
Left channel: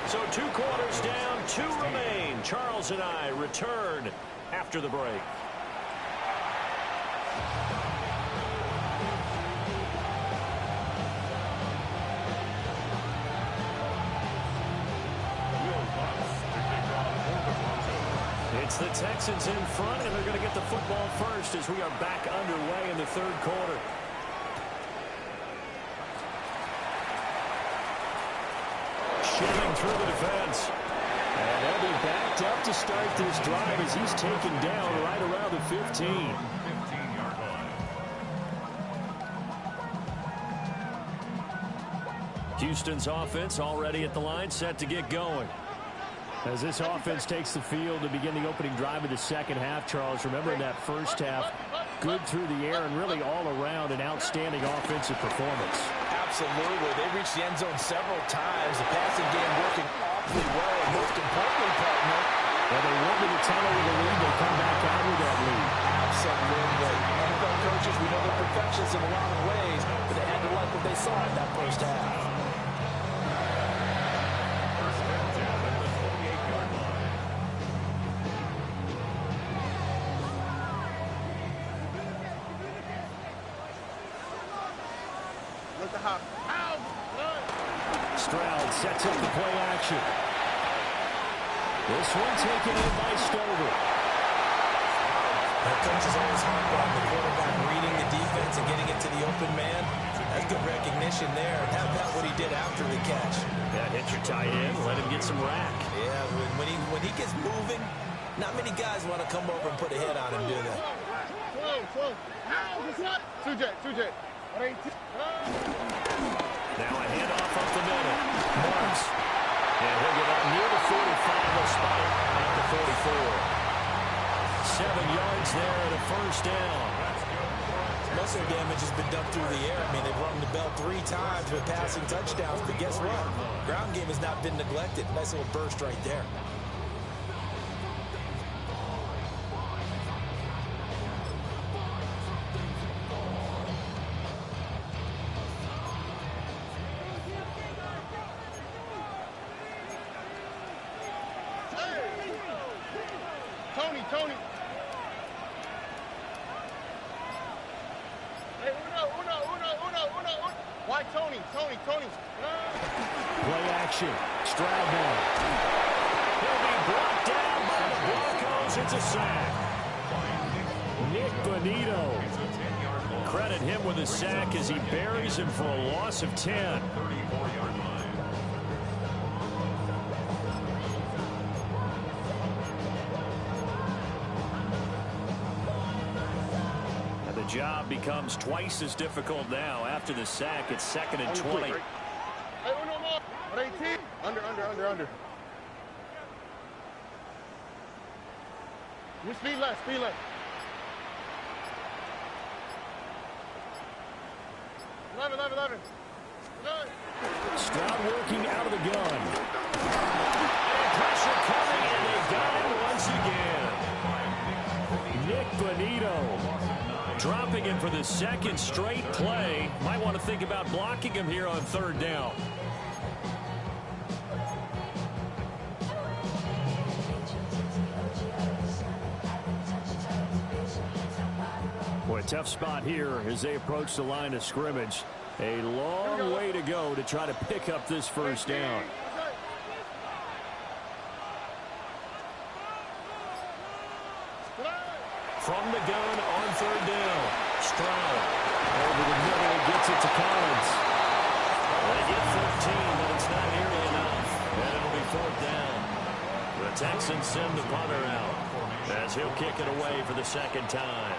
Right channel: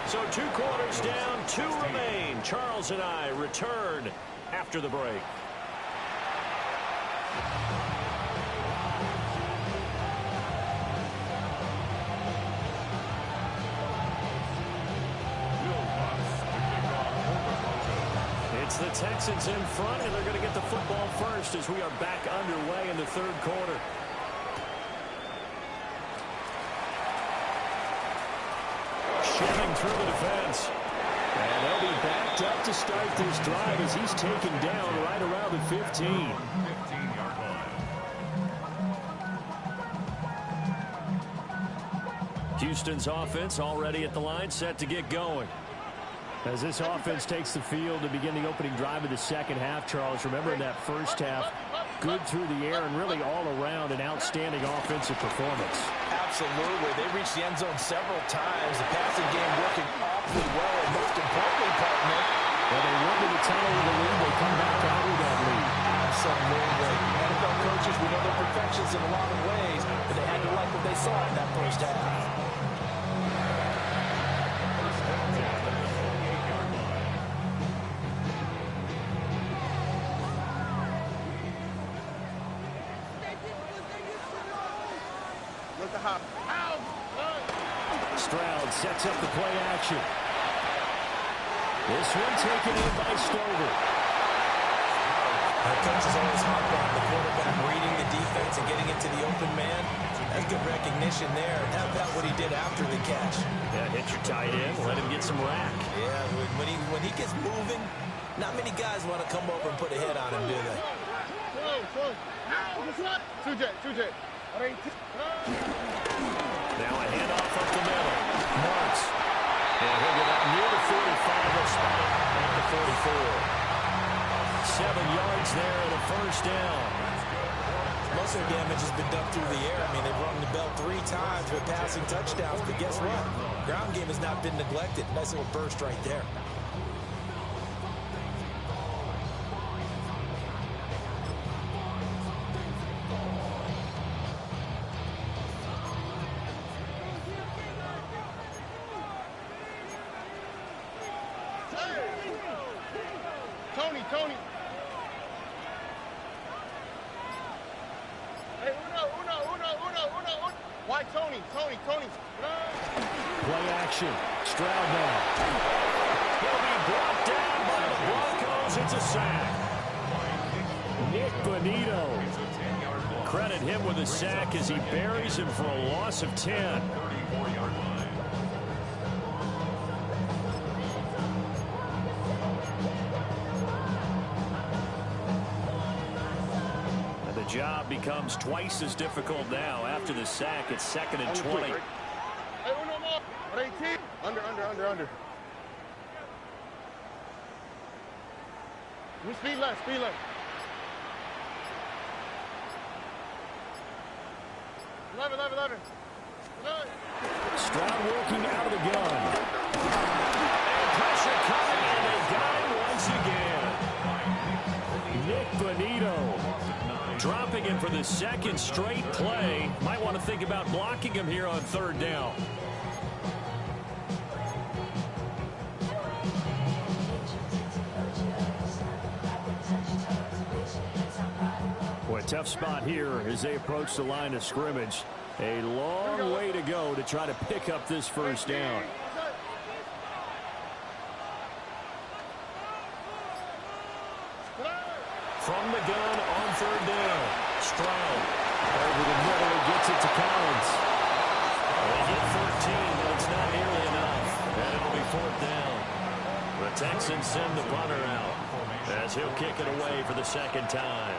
So 2 quarters down, 2 remain. Charles and I return after the break. It's the Texans in front, and they're going to get the football first as we are back underway in the third quarter. Shiving through the defense. And they'll be backed up to start this drive as he's taken down right around the 15. 15-yard line. Houston's offense already at the line, set to get going. As this offense takes the field to begin the opening drive of the second half, Charles, remember in that first half, good through the air and really all around an outstanding offensive performance. Absolutely. They reached the end zone several times. The passing game working awfully well, and most importantly, partner, well, they went to the tunnel with a lead. They come back out with that lead. Absolutely. NFL coaches, we know they're perfectionists in a lot of ways, but they had to like what they saw in that first half. First and 10 at the 28-yard line. Look the hop. Ow! Stroud sets up the play action. This one taken in by Stover. That coach is always harp on the quarterback reading the defense and getting it to the open man. That's good recognition there. How about what he did after the catch? Yeah, hit your tight end, let him get some rack. Yeah, when he gets moving, not many guys want to come over and put a hit on him, do they? Two-jet. Now a handoff up the middle. Marks. And he'll get up near the 45. They'll spot it at the 44. 7 yards there and a first down. Most of their damage has been done through the air. I mean, they've rung the bell 3 times with passing touchdowns, but guess what? Ground game has not been neglected. Nice little burst right there. Tony. Hey, uno. Why Tony? Play action. Stroud now. He'll be brought down by the Broncos. It's a sack. Nick Bonito. Credit him with a sack as he buries him for a loss of 10. 34-yard line. The job becomes twice as difficult now. After the sack, it's 2nd and 20. Hey, uno more. 18. Under. We speed left. Eleven. Stroud working out of the gun. And pressure coming, and they got him once again. Nick Bonito dropping him for the 2nd straight play. Might want to think about blocking him here on 3rd down. Boy, tough spot here as they approach the line of scrimmage. A long way to go to try to pick up this first down. From the gun on 3rd down. Stroud over the middle and gets it to Collins. They get 13, but it's not nearly enough. And it'll be 4th down. The Texans send the punter out as he'll kick it away for the 2nd time.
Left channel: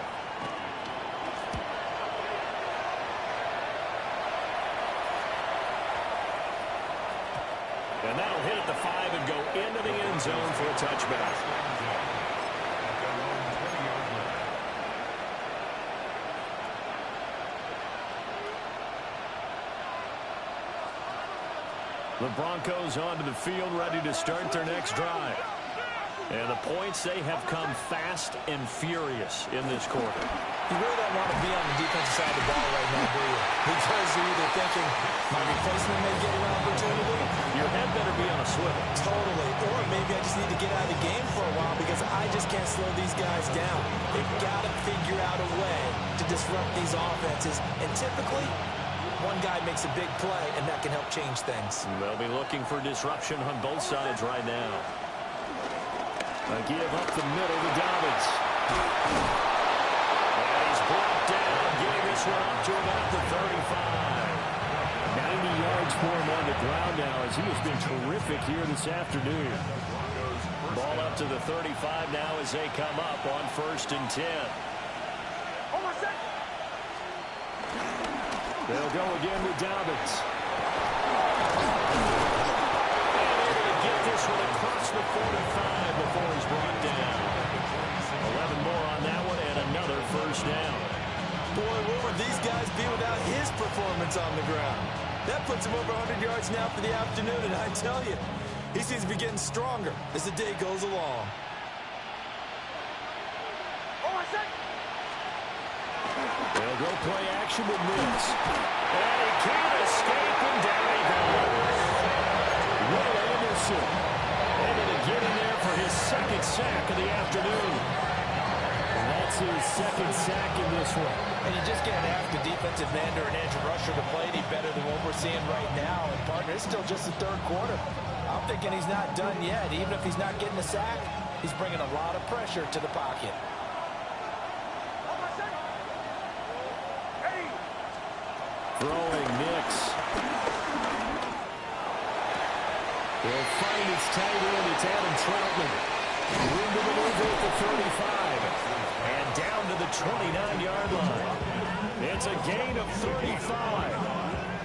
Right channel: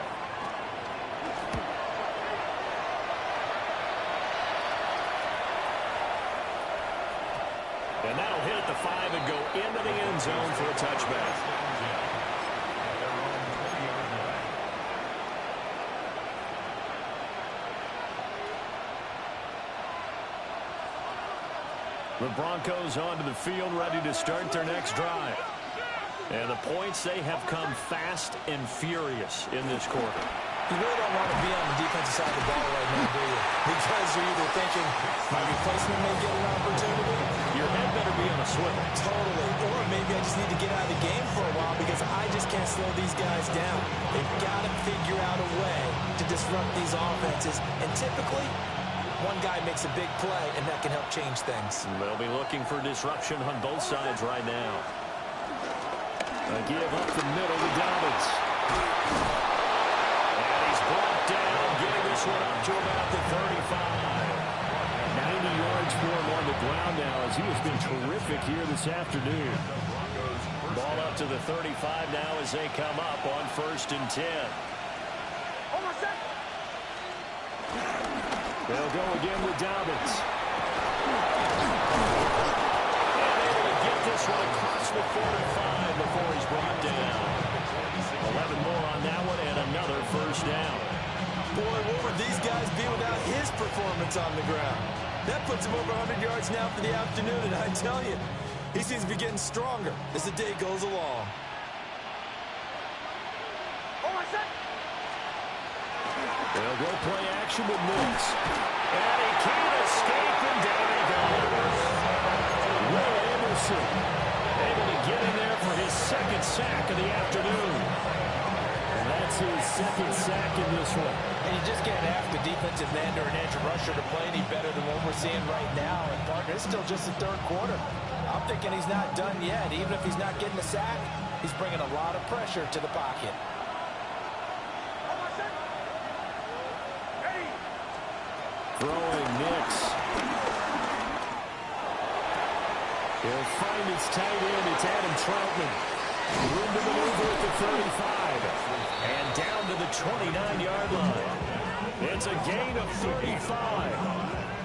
And that'll hit at the 5 and go into the end zone for a touchback. The Broncos onto the field, ready to start their next drive. And the points, they have come fast and furious in this quarter. You really don't want to be on the defensive side of the ball right now, do you? Because you're either thinking, my replacement may get an opportunity. Your head better be on a swivel. Totally. Or maybe I just need to get out of the game for a while because I just can't slow these guys down. They've got to figure out a way to disrupt these offenses. And typically, one guy makes a big play, and that can help change things. They'll be looking for disruption on both sides right now. A give up the middle to Dobbins. And he's brought down, getting this one up to about the 35. 90 yards for him on the ground now as he has been terrific here this afternoon. Ball up to the 35 now as they come up on 1st and 10. They'll go again with Dobbins. And able to get this one across the 45 before he's brought down. 11 more on that one and another 1st down. Boy, what would these guys be without his performance on the ground? That puts him over 100 yards now for the afternoon, and I tell you, he seems to be getting stronger as the day goes along. They'll go play action with Nix. And he can't escape, and down he goes. Will Anderson able to get in there for his 2nd sack of the afternoon. And that's his 2nd sack in this one. And you just can't ask a defensive end or an edge rusher to play any better than what we're seeing right now. And, partner, it's still just the 3rd quarter. I'm thinking he's not done yet. Even if he's not getting a sack, he's bringing a lot of pressure to the pocket. Throwing Nix. He'll find his tight end. It's Adam Troutman. Room to maneuver at the 35. And down to the 29-yard line. It's a gain of 35.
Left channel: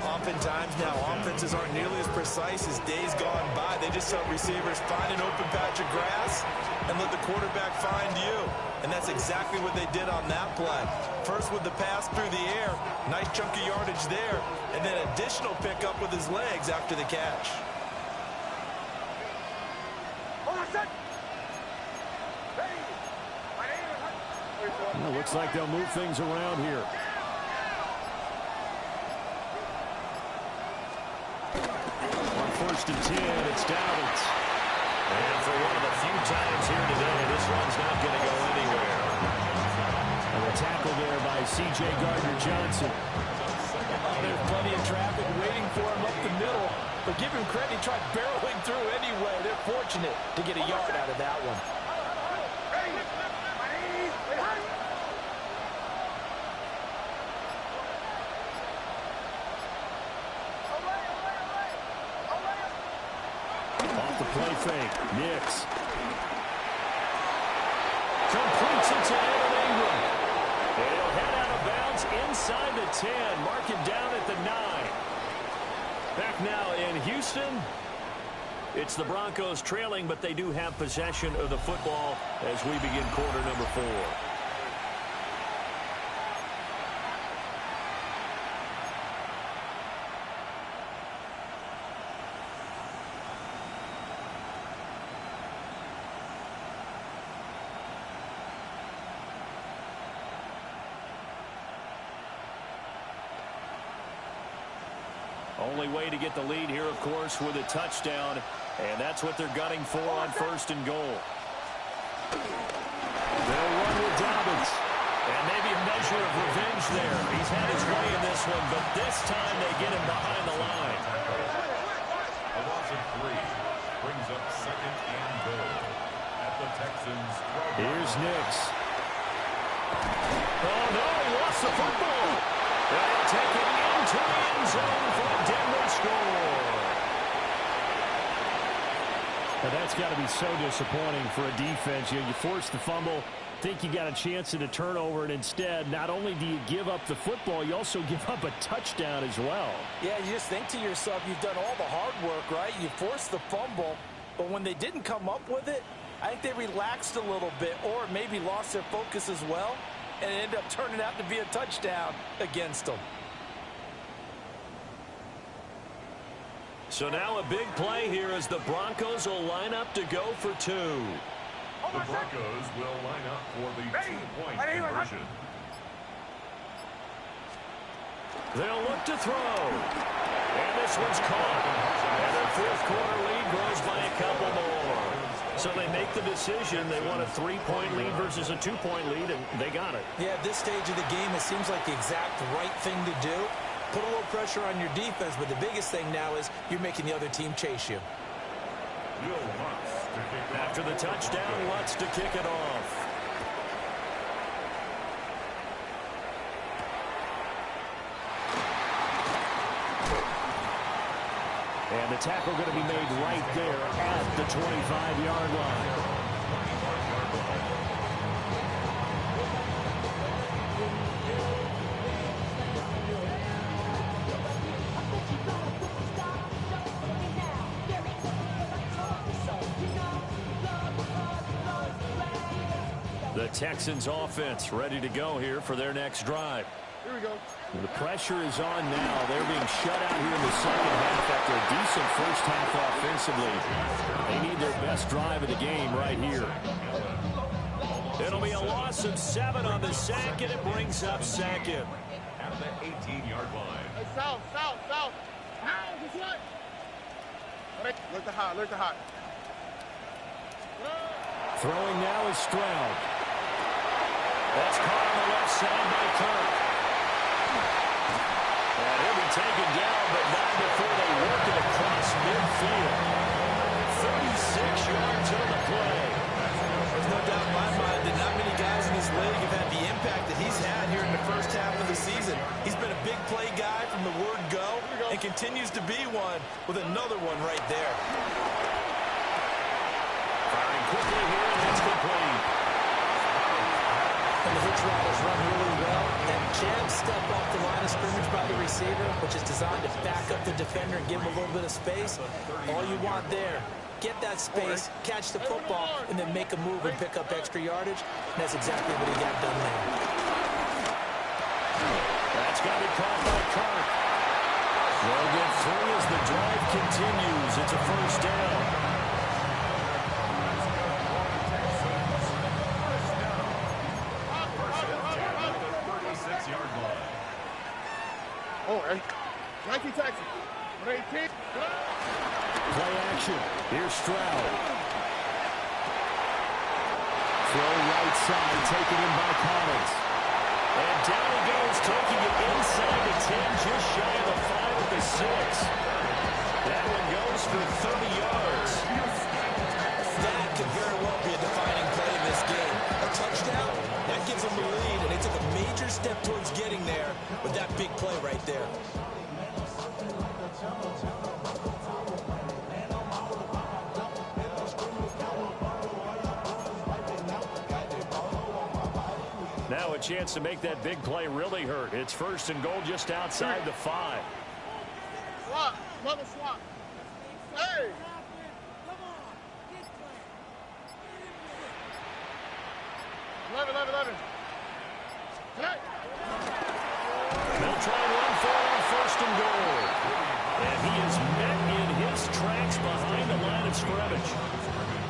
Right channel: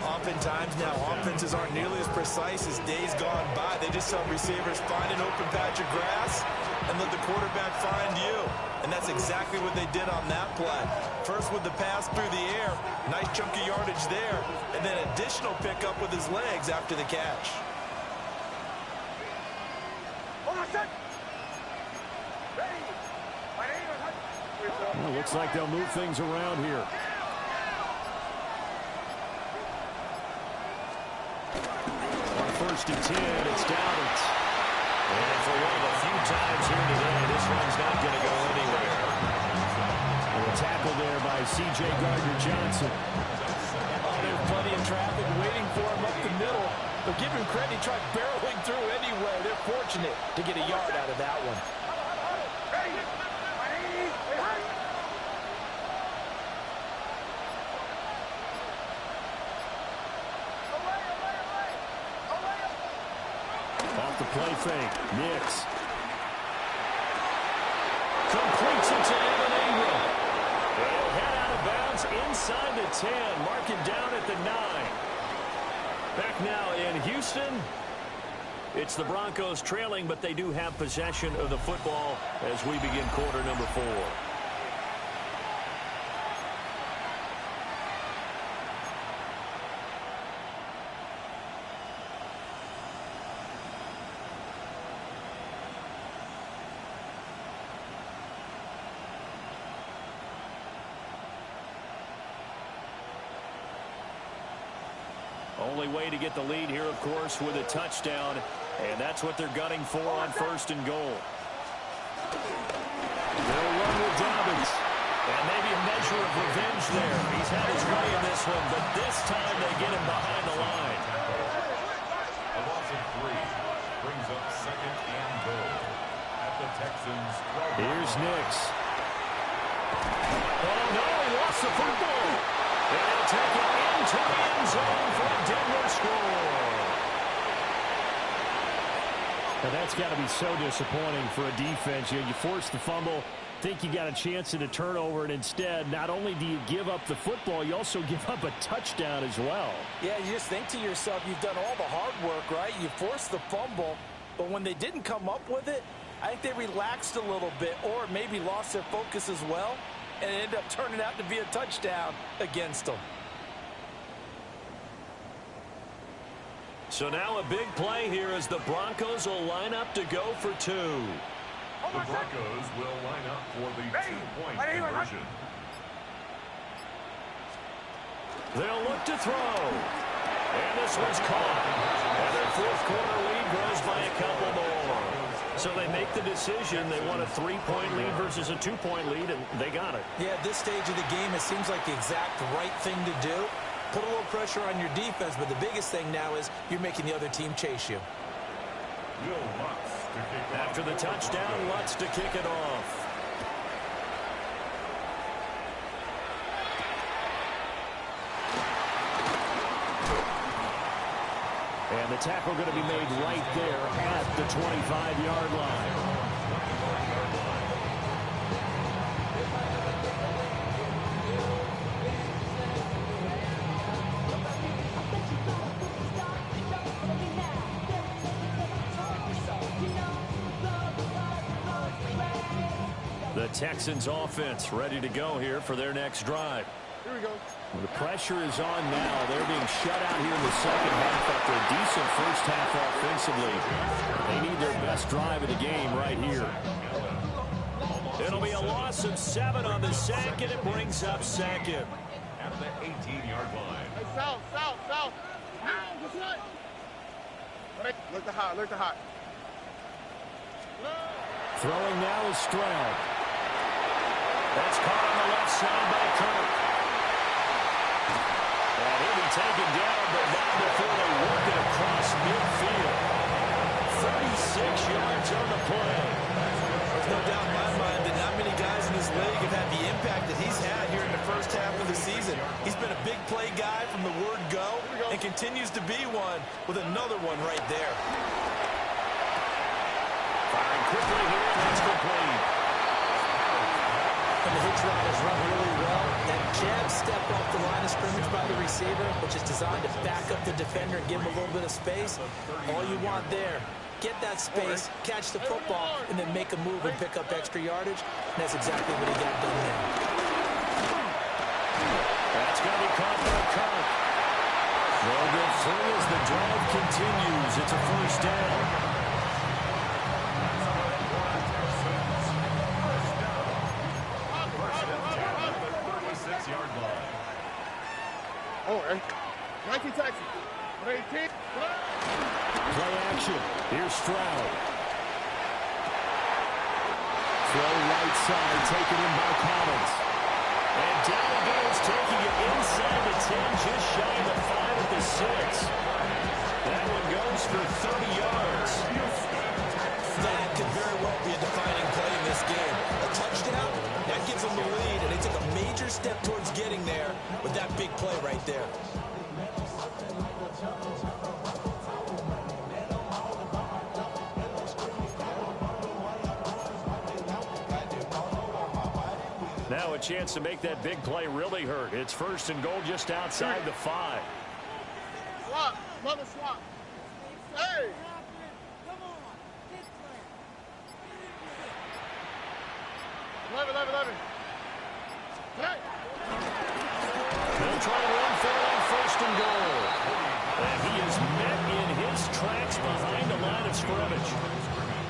Oftentimes now, offenses aren't nearly as precise as days gone by. They just tell receivers, find an open patch of grass and let the quarterback find you. And that's exactly what they did on that play. First with the pass through the air, nice chunk of yardage there, and then additional pickup with his legs after the catch. Well, looks like they'll move things around here. On 1st and 10, it's Dobbins. And for one of the few times here today, this one's not going to go anywhere. And a tackle there by C.J. Gardner-Johnson. Oh, there's plenty of traffic waiting for him up the middle. But give him credit, he tried barreling through anyway. They're fortunate to get a yard out of that one. Off the play fake, Nix. Completes it to Evan Ingram. They'll head out of bounds inside the 10. Mark it down at the 9. Back now in Houston. It's the Broncos trailing, but they do have possession of the football as we begin quarter number 4. Only way to get the lead here, of course, with a touchdown, and that's what they're gunning for on 1st and goal. They'll run with Dobbins. And maybe a measure of revenge there. He's had his way in this one, but this time they get him behind the line. A loss of 3 brings up 2nd and goal at the Texans. Here's Nix. Oh, no, he lost the football. And he'll take it into the end zone for a Denver score. Now that's got to be so disappointing for a defense. You force the fumble, think you got a chance at a turnover, and instead, not only do you give up the football, you also give up a touchdown as well. Yeah, you just think to yourself, you've done all the hard work, right? You forced the fumble, but when they didn't come up with it, I think they relaxed a little bit or maybe lost their focus as well, and it ended up turning out to be a touchdown against them. So now a big play here as the Broncos will line up to go for two. The Broncos will line up for the 2-point conversion. They'll look to throw. And this one's caught. And their fourth quarter lead grows by a couple more. So they make the decision. They want a 3-point lead versus a 2-point lead, and they got it. Yeah, at this stage of the game, it seems like the exact right thing to do. Put a little pressure on your defense, but the biggest thing now is you're making the other team chase you. After the touchdown, Lutz to kick it off. And the tackle going to be made right there at the 25-yard line. The Texans offense ready to go here for their next drive. Here we go. The pressure is on now. They're being shut out here in the second half after a decent first half offensively. They need their best drive of the game right here. It'll be a loss of 7 on the sack, and it brings up second. At the 18-yard line. Hey, south. This way. Look to hot. Throwing now is Stroud. That's caught on the left side by Kirk. And he'll be taken down, but not before they work it across midfield. 36 yards on the play. There's no doubt in my mind that not many guys in this league have had the impact that he's had here in the first half of the season. He's been a big play guy from the word go and continues to be one with another one right there. Firing quickly here, and that's complete. And the hitch route is run really well. That jab step off the line of scrimmage by the receiver, which is designed to back up the defender and give him a little bit of space. All you want there, get that space, catch the football, and then make a move and pick up extra yardage. And that's exactly what he got done there. That's got to be caught by Kirk. They'll get 3 as the drive continues. It's a first down. Oh, hey. 19 Texas. 18. Play action. Here's Stroud. Throw right side, taken in by Collins. And down he goes, taking it inside the 10, just shy of the 5 at the 6. That one goes for 30 yards. That could very well be a defining play in this game. A touchdown, that gives them the lead, and they took a major step towards getting there with that big play right there. Now a chance to make that big play really hurt. It's first and goal just outside the 5. Swap. Mother swap. Hey! 11. Hey! They'll try and run for it on first and goal. And he is met in his tracks behind the line of scrimmage.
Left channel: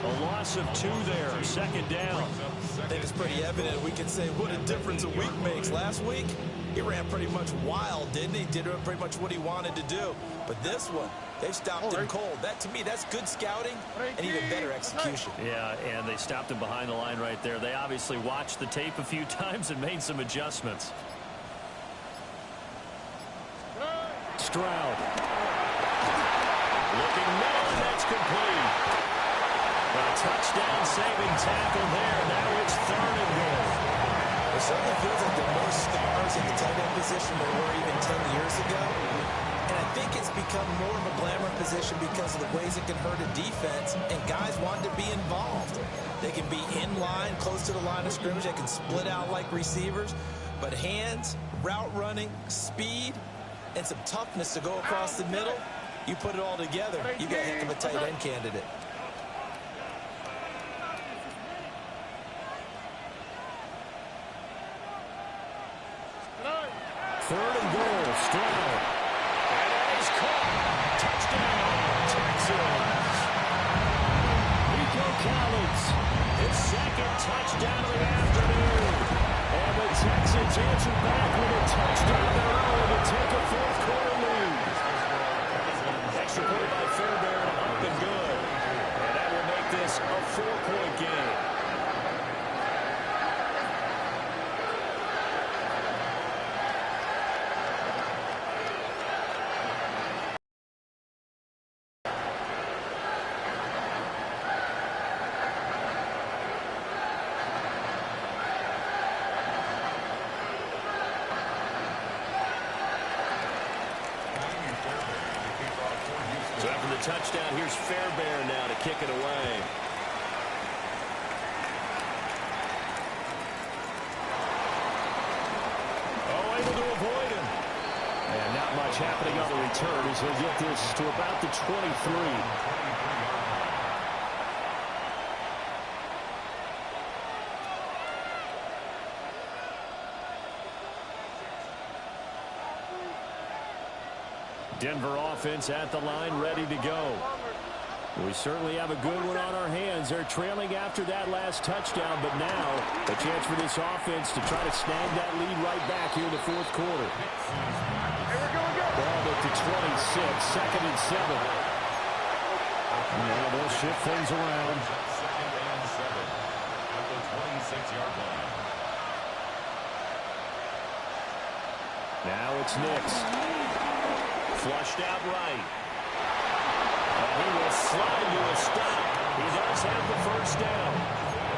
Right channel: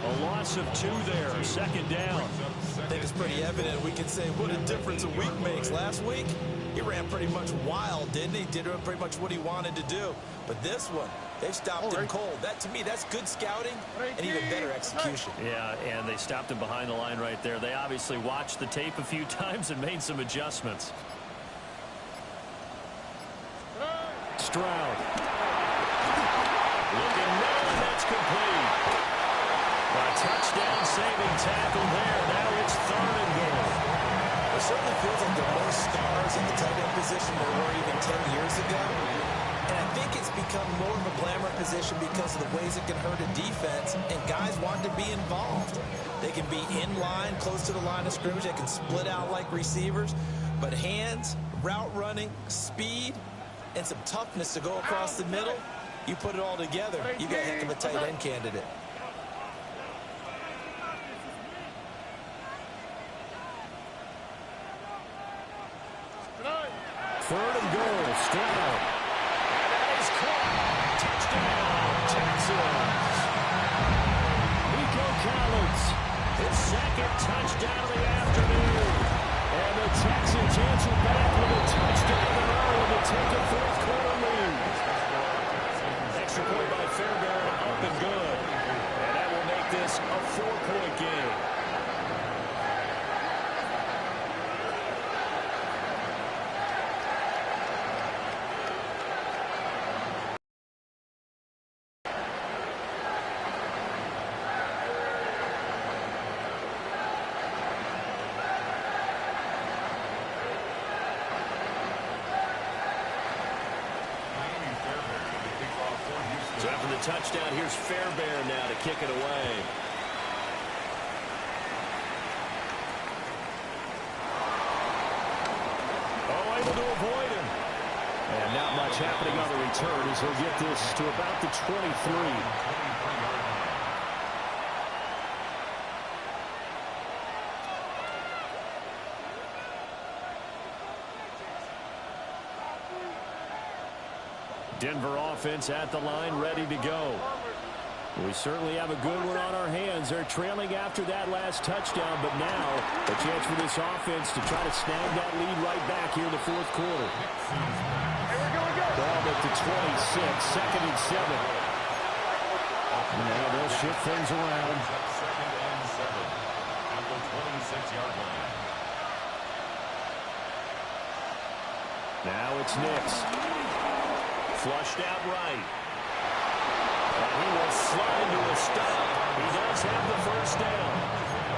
A loss of 2 there, second down. I think it's pretty evident. We can say what a difference a week makes. Last week, he ran pretty much wild, didn't he? Did pretty much what he wanted to do. But this one, they've stopped him cold. That, to me, that's good scouting and even better execution. Yeah, and they stopped him behind the line right there. They obviously watched the tape a few times and made some adjustments. Stroud. Looking middle, and that's complete. A touchdown-saving tackle there. Now it's 3rd and goal. It certainly feels like there are more stars in the tight end position than there were even 10 years ago. And I think it's become more of a glamour position because of the ways it can hurt a defense, and guys want to be involved. They can be in line, close to the line of scrimmage. They can split out like receivers. But hands, route running, speed, and some toughness to go across the middle, you put it all together, you got a heck of a tight end candidate. Third and goal, Stroud. And that is caught. Touchdown, Texans. Nico Collins, his second touchdown of the afternoon. And the Texans answer back with a touchdown of their own to take a fourth quarter lead. Extra point by Fairbairn, up and good. And that will make this a 4-point game. So after the touchdown, here's Fairbairn now to kick it away. Oh, able to avoid him. And not much happening on the return as he'll get this to about the 23. Denver offense at the line, ready to go. We certainly have a good one on our hands. They're trailing after that last touchdown, but now a chance for this offense to try to snag that lead right back here in the fourth quarter. Ball at the 26, 2nd and 7. Now they'll shift things around. 2nd and 7 at the 26-yard line. Now it's Nix. Flushed out right. And he will slide to a stop. He does have the first down.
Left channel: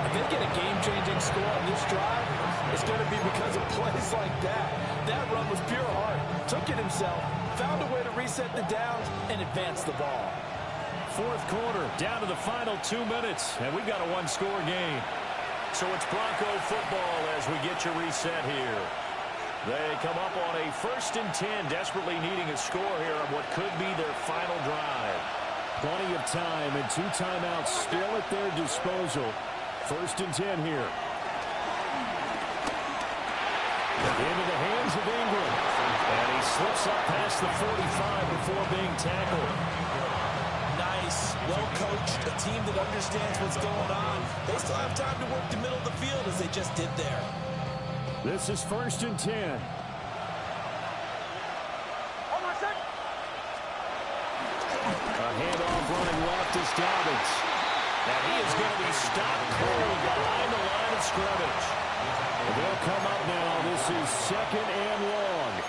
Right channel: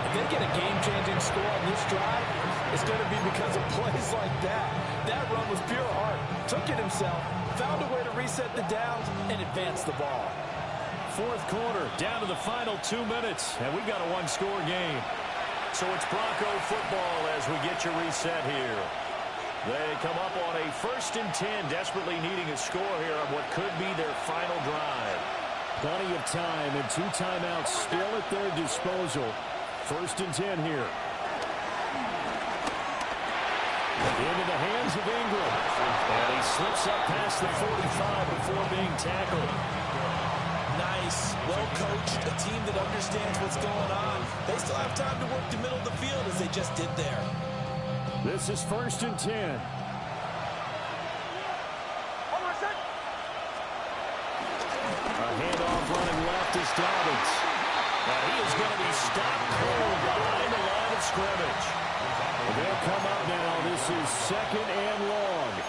If they get a game-changing score on this drive, it's going to be because of plays like that. That run was pure heart. Took it himself, found a way to reset the downs, and advance the ball. Fourth quarter, down to the final 2 minutes, and we've got a one-score game. So it's Bronco football as we get you reset here. They come up on a 1st and 10, desperately needing a score here on what could be their final drive. Plenty of time and 2 timeouts still at their disposal. 1st and 10 here. Into the hands of Ingram. And he slips up past the 45 before being tackled. Nice, well-coached, a team that understands what's going on. They still have time to work the middle of the field as they just did there. This is 1st and 10. A handoff running left is Dobbins. And he is going to be stopped cold behind the line of scrimmage. They'll come up now. This is 2nd and long.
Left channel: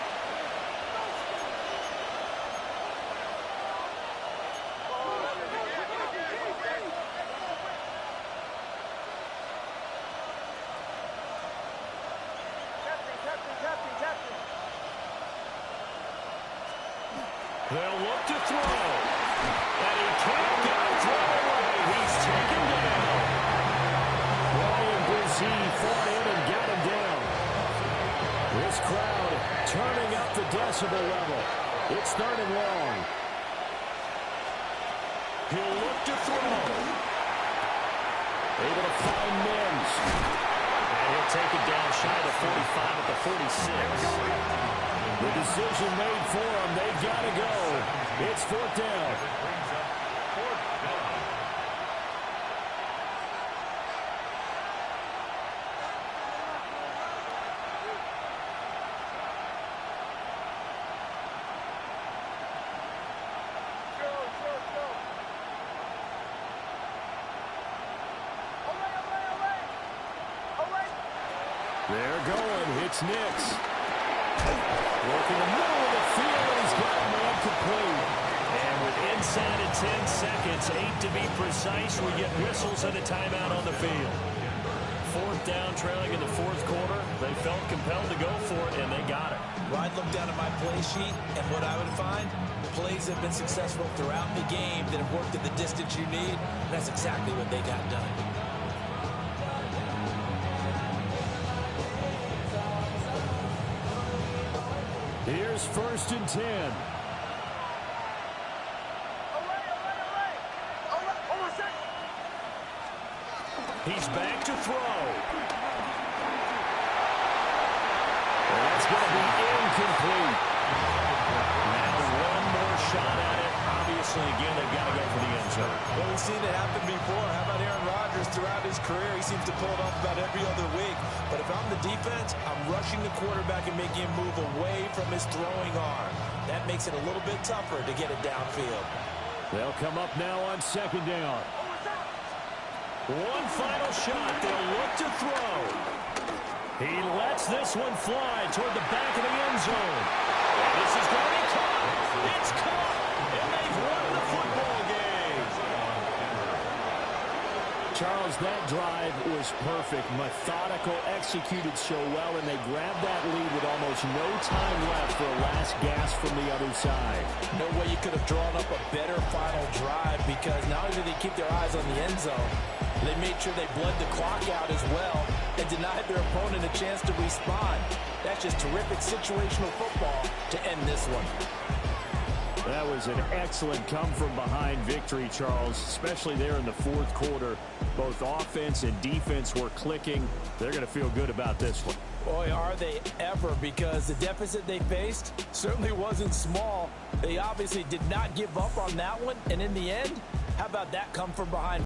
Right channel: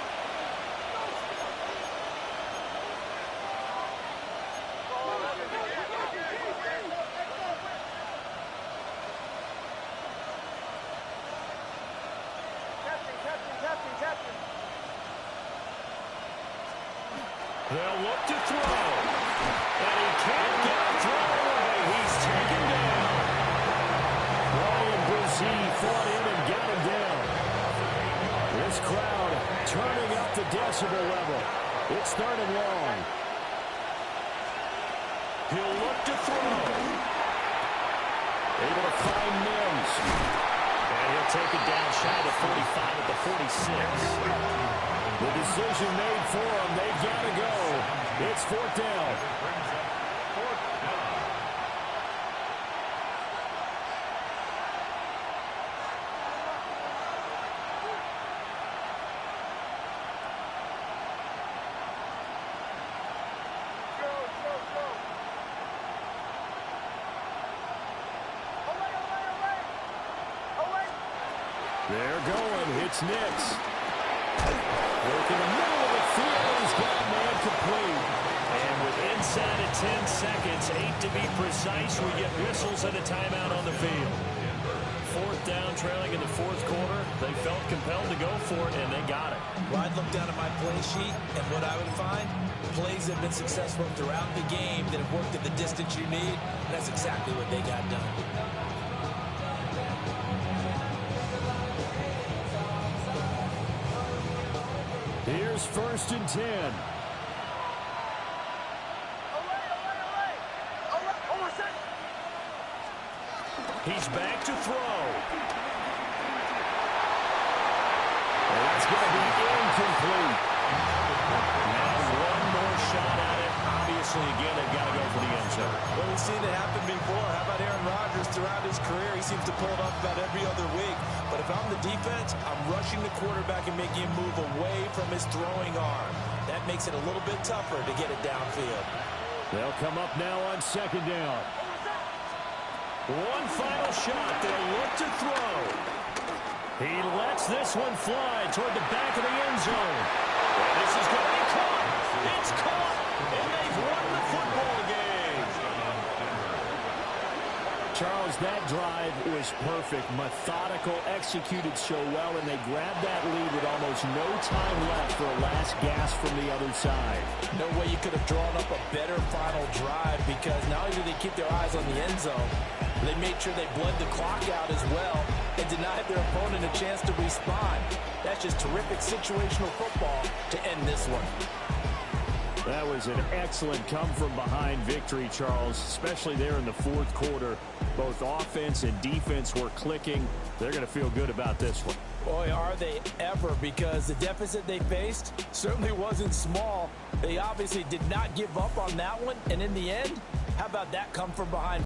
They'll look to throw. And he can't get a throw away. He's taken down. Ryan Brzee fought in and got him down. This crowd turning up the decibel level. It's 3rd and long. He'll look to throw. Able to find Mims. And he'll take it down shy of 45 at the 46. The decision made for them. They got to go. It's 4th down. They're going. It's Nix. Work in the middle of the field, and he's got a man complete. And with inside of 10 seconds, 8 to be precise, we get whistles and a timeout on the field. 4th down, trailing in the 4th quarter. They felt compelled to go for it, and they got it. Well, I'd look down at my play sheet, and what I would find, plays that have been successful throughout the game that have worked at the distance you need, and that's exactly what they got done. Here's 1st and 10. He's back to throw. And that's going to be incomplete. Now one more shot at it. Obviously, again, they've got to go for the end zone. Well, we've seen it happen before. How about Aaron Rodgers throughout his career? He seems to pull it off about every other week. But if I'm the defense, I'm rushing the quarterback and making him move away from his throwing arm. That makes it a little bit tougher to get it downfield. They'll come up now on 2nd down. One final shot. They'll look to throw. He lets this one fly toward the back of the end zone. And this is going to be caught. It's caught. And they've won the football game. Charles, that drive was perfect. Methodical, executed so well, and they grabbed that lead with almost no time left for a last gasp from the other side. No way you could have drawn up a better final drive, because not only did they keep their eyes on the end zone, they made sure they bled the clock out as well and denied their opponent a chance to respond. That's just terrific situational football to end this one. That was an excellent come-from-behind victory, Charles, especially there in the 4th quarter. Both offense and defense were clicking. They're going to feel good about this one. Boy, are they ever, because the deficit they faced certainly wasn't small. They obviously did not give up on that one, and in the end, how about that come-from-behind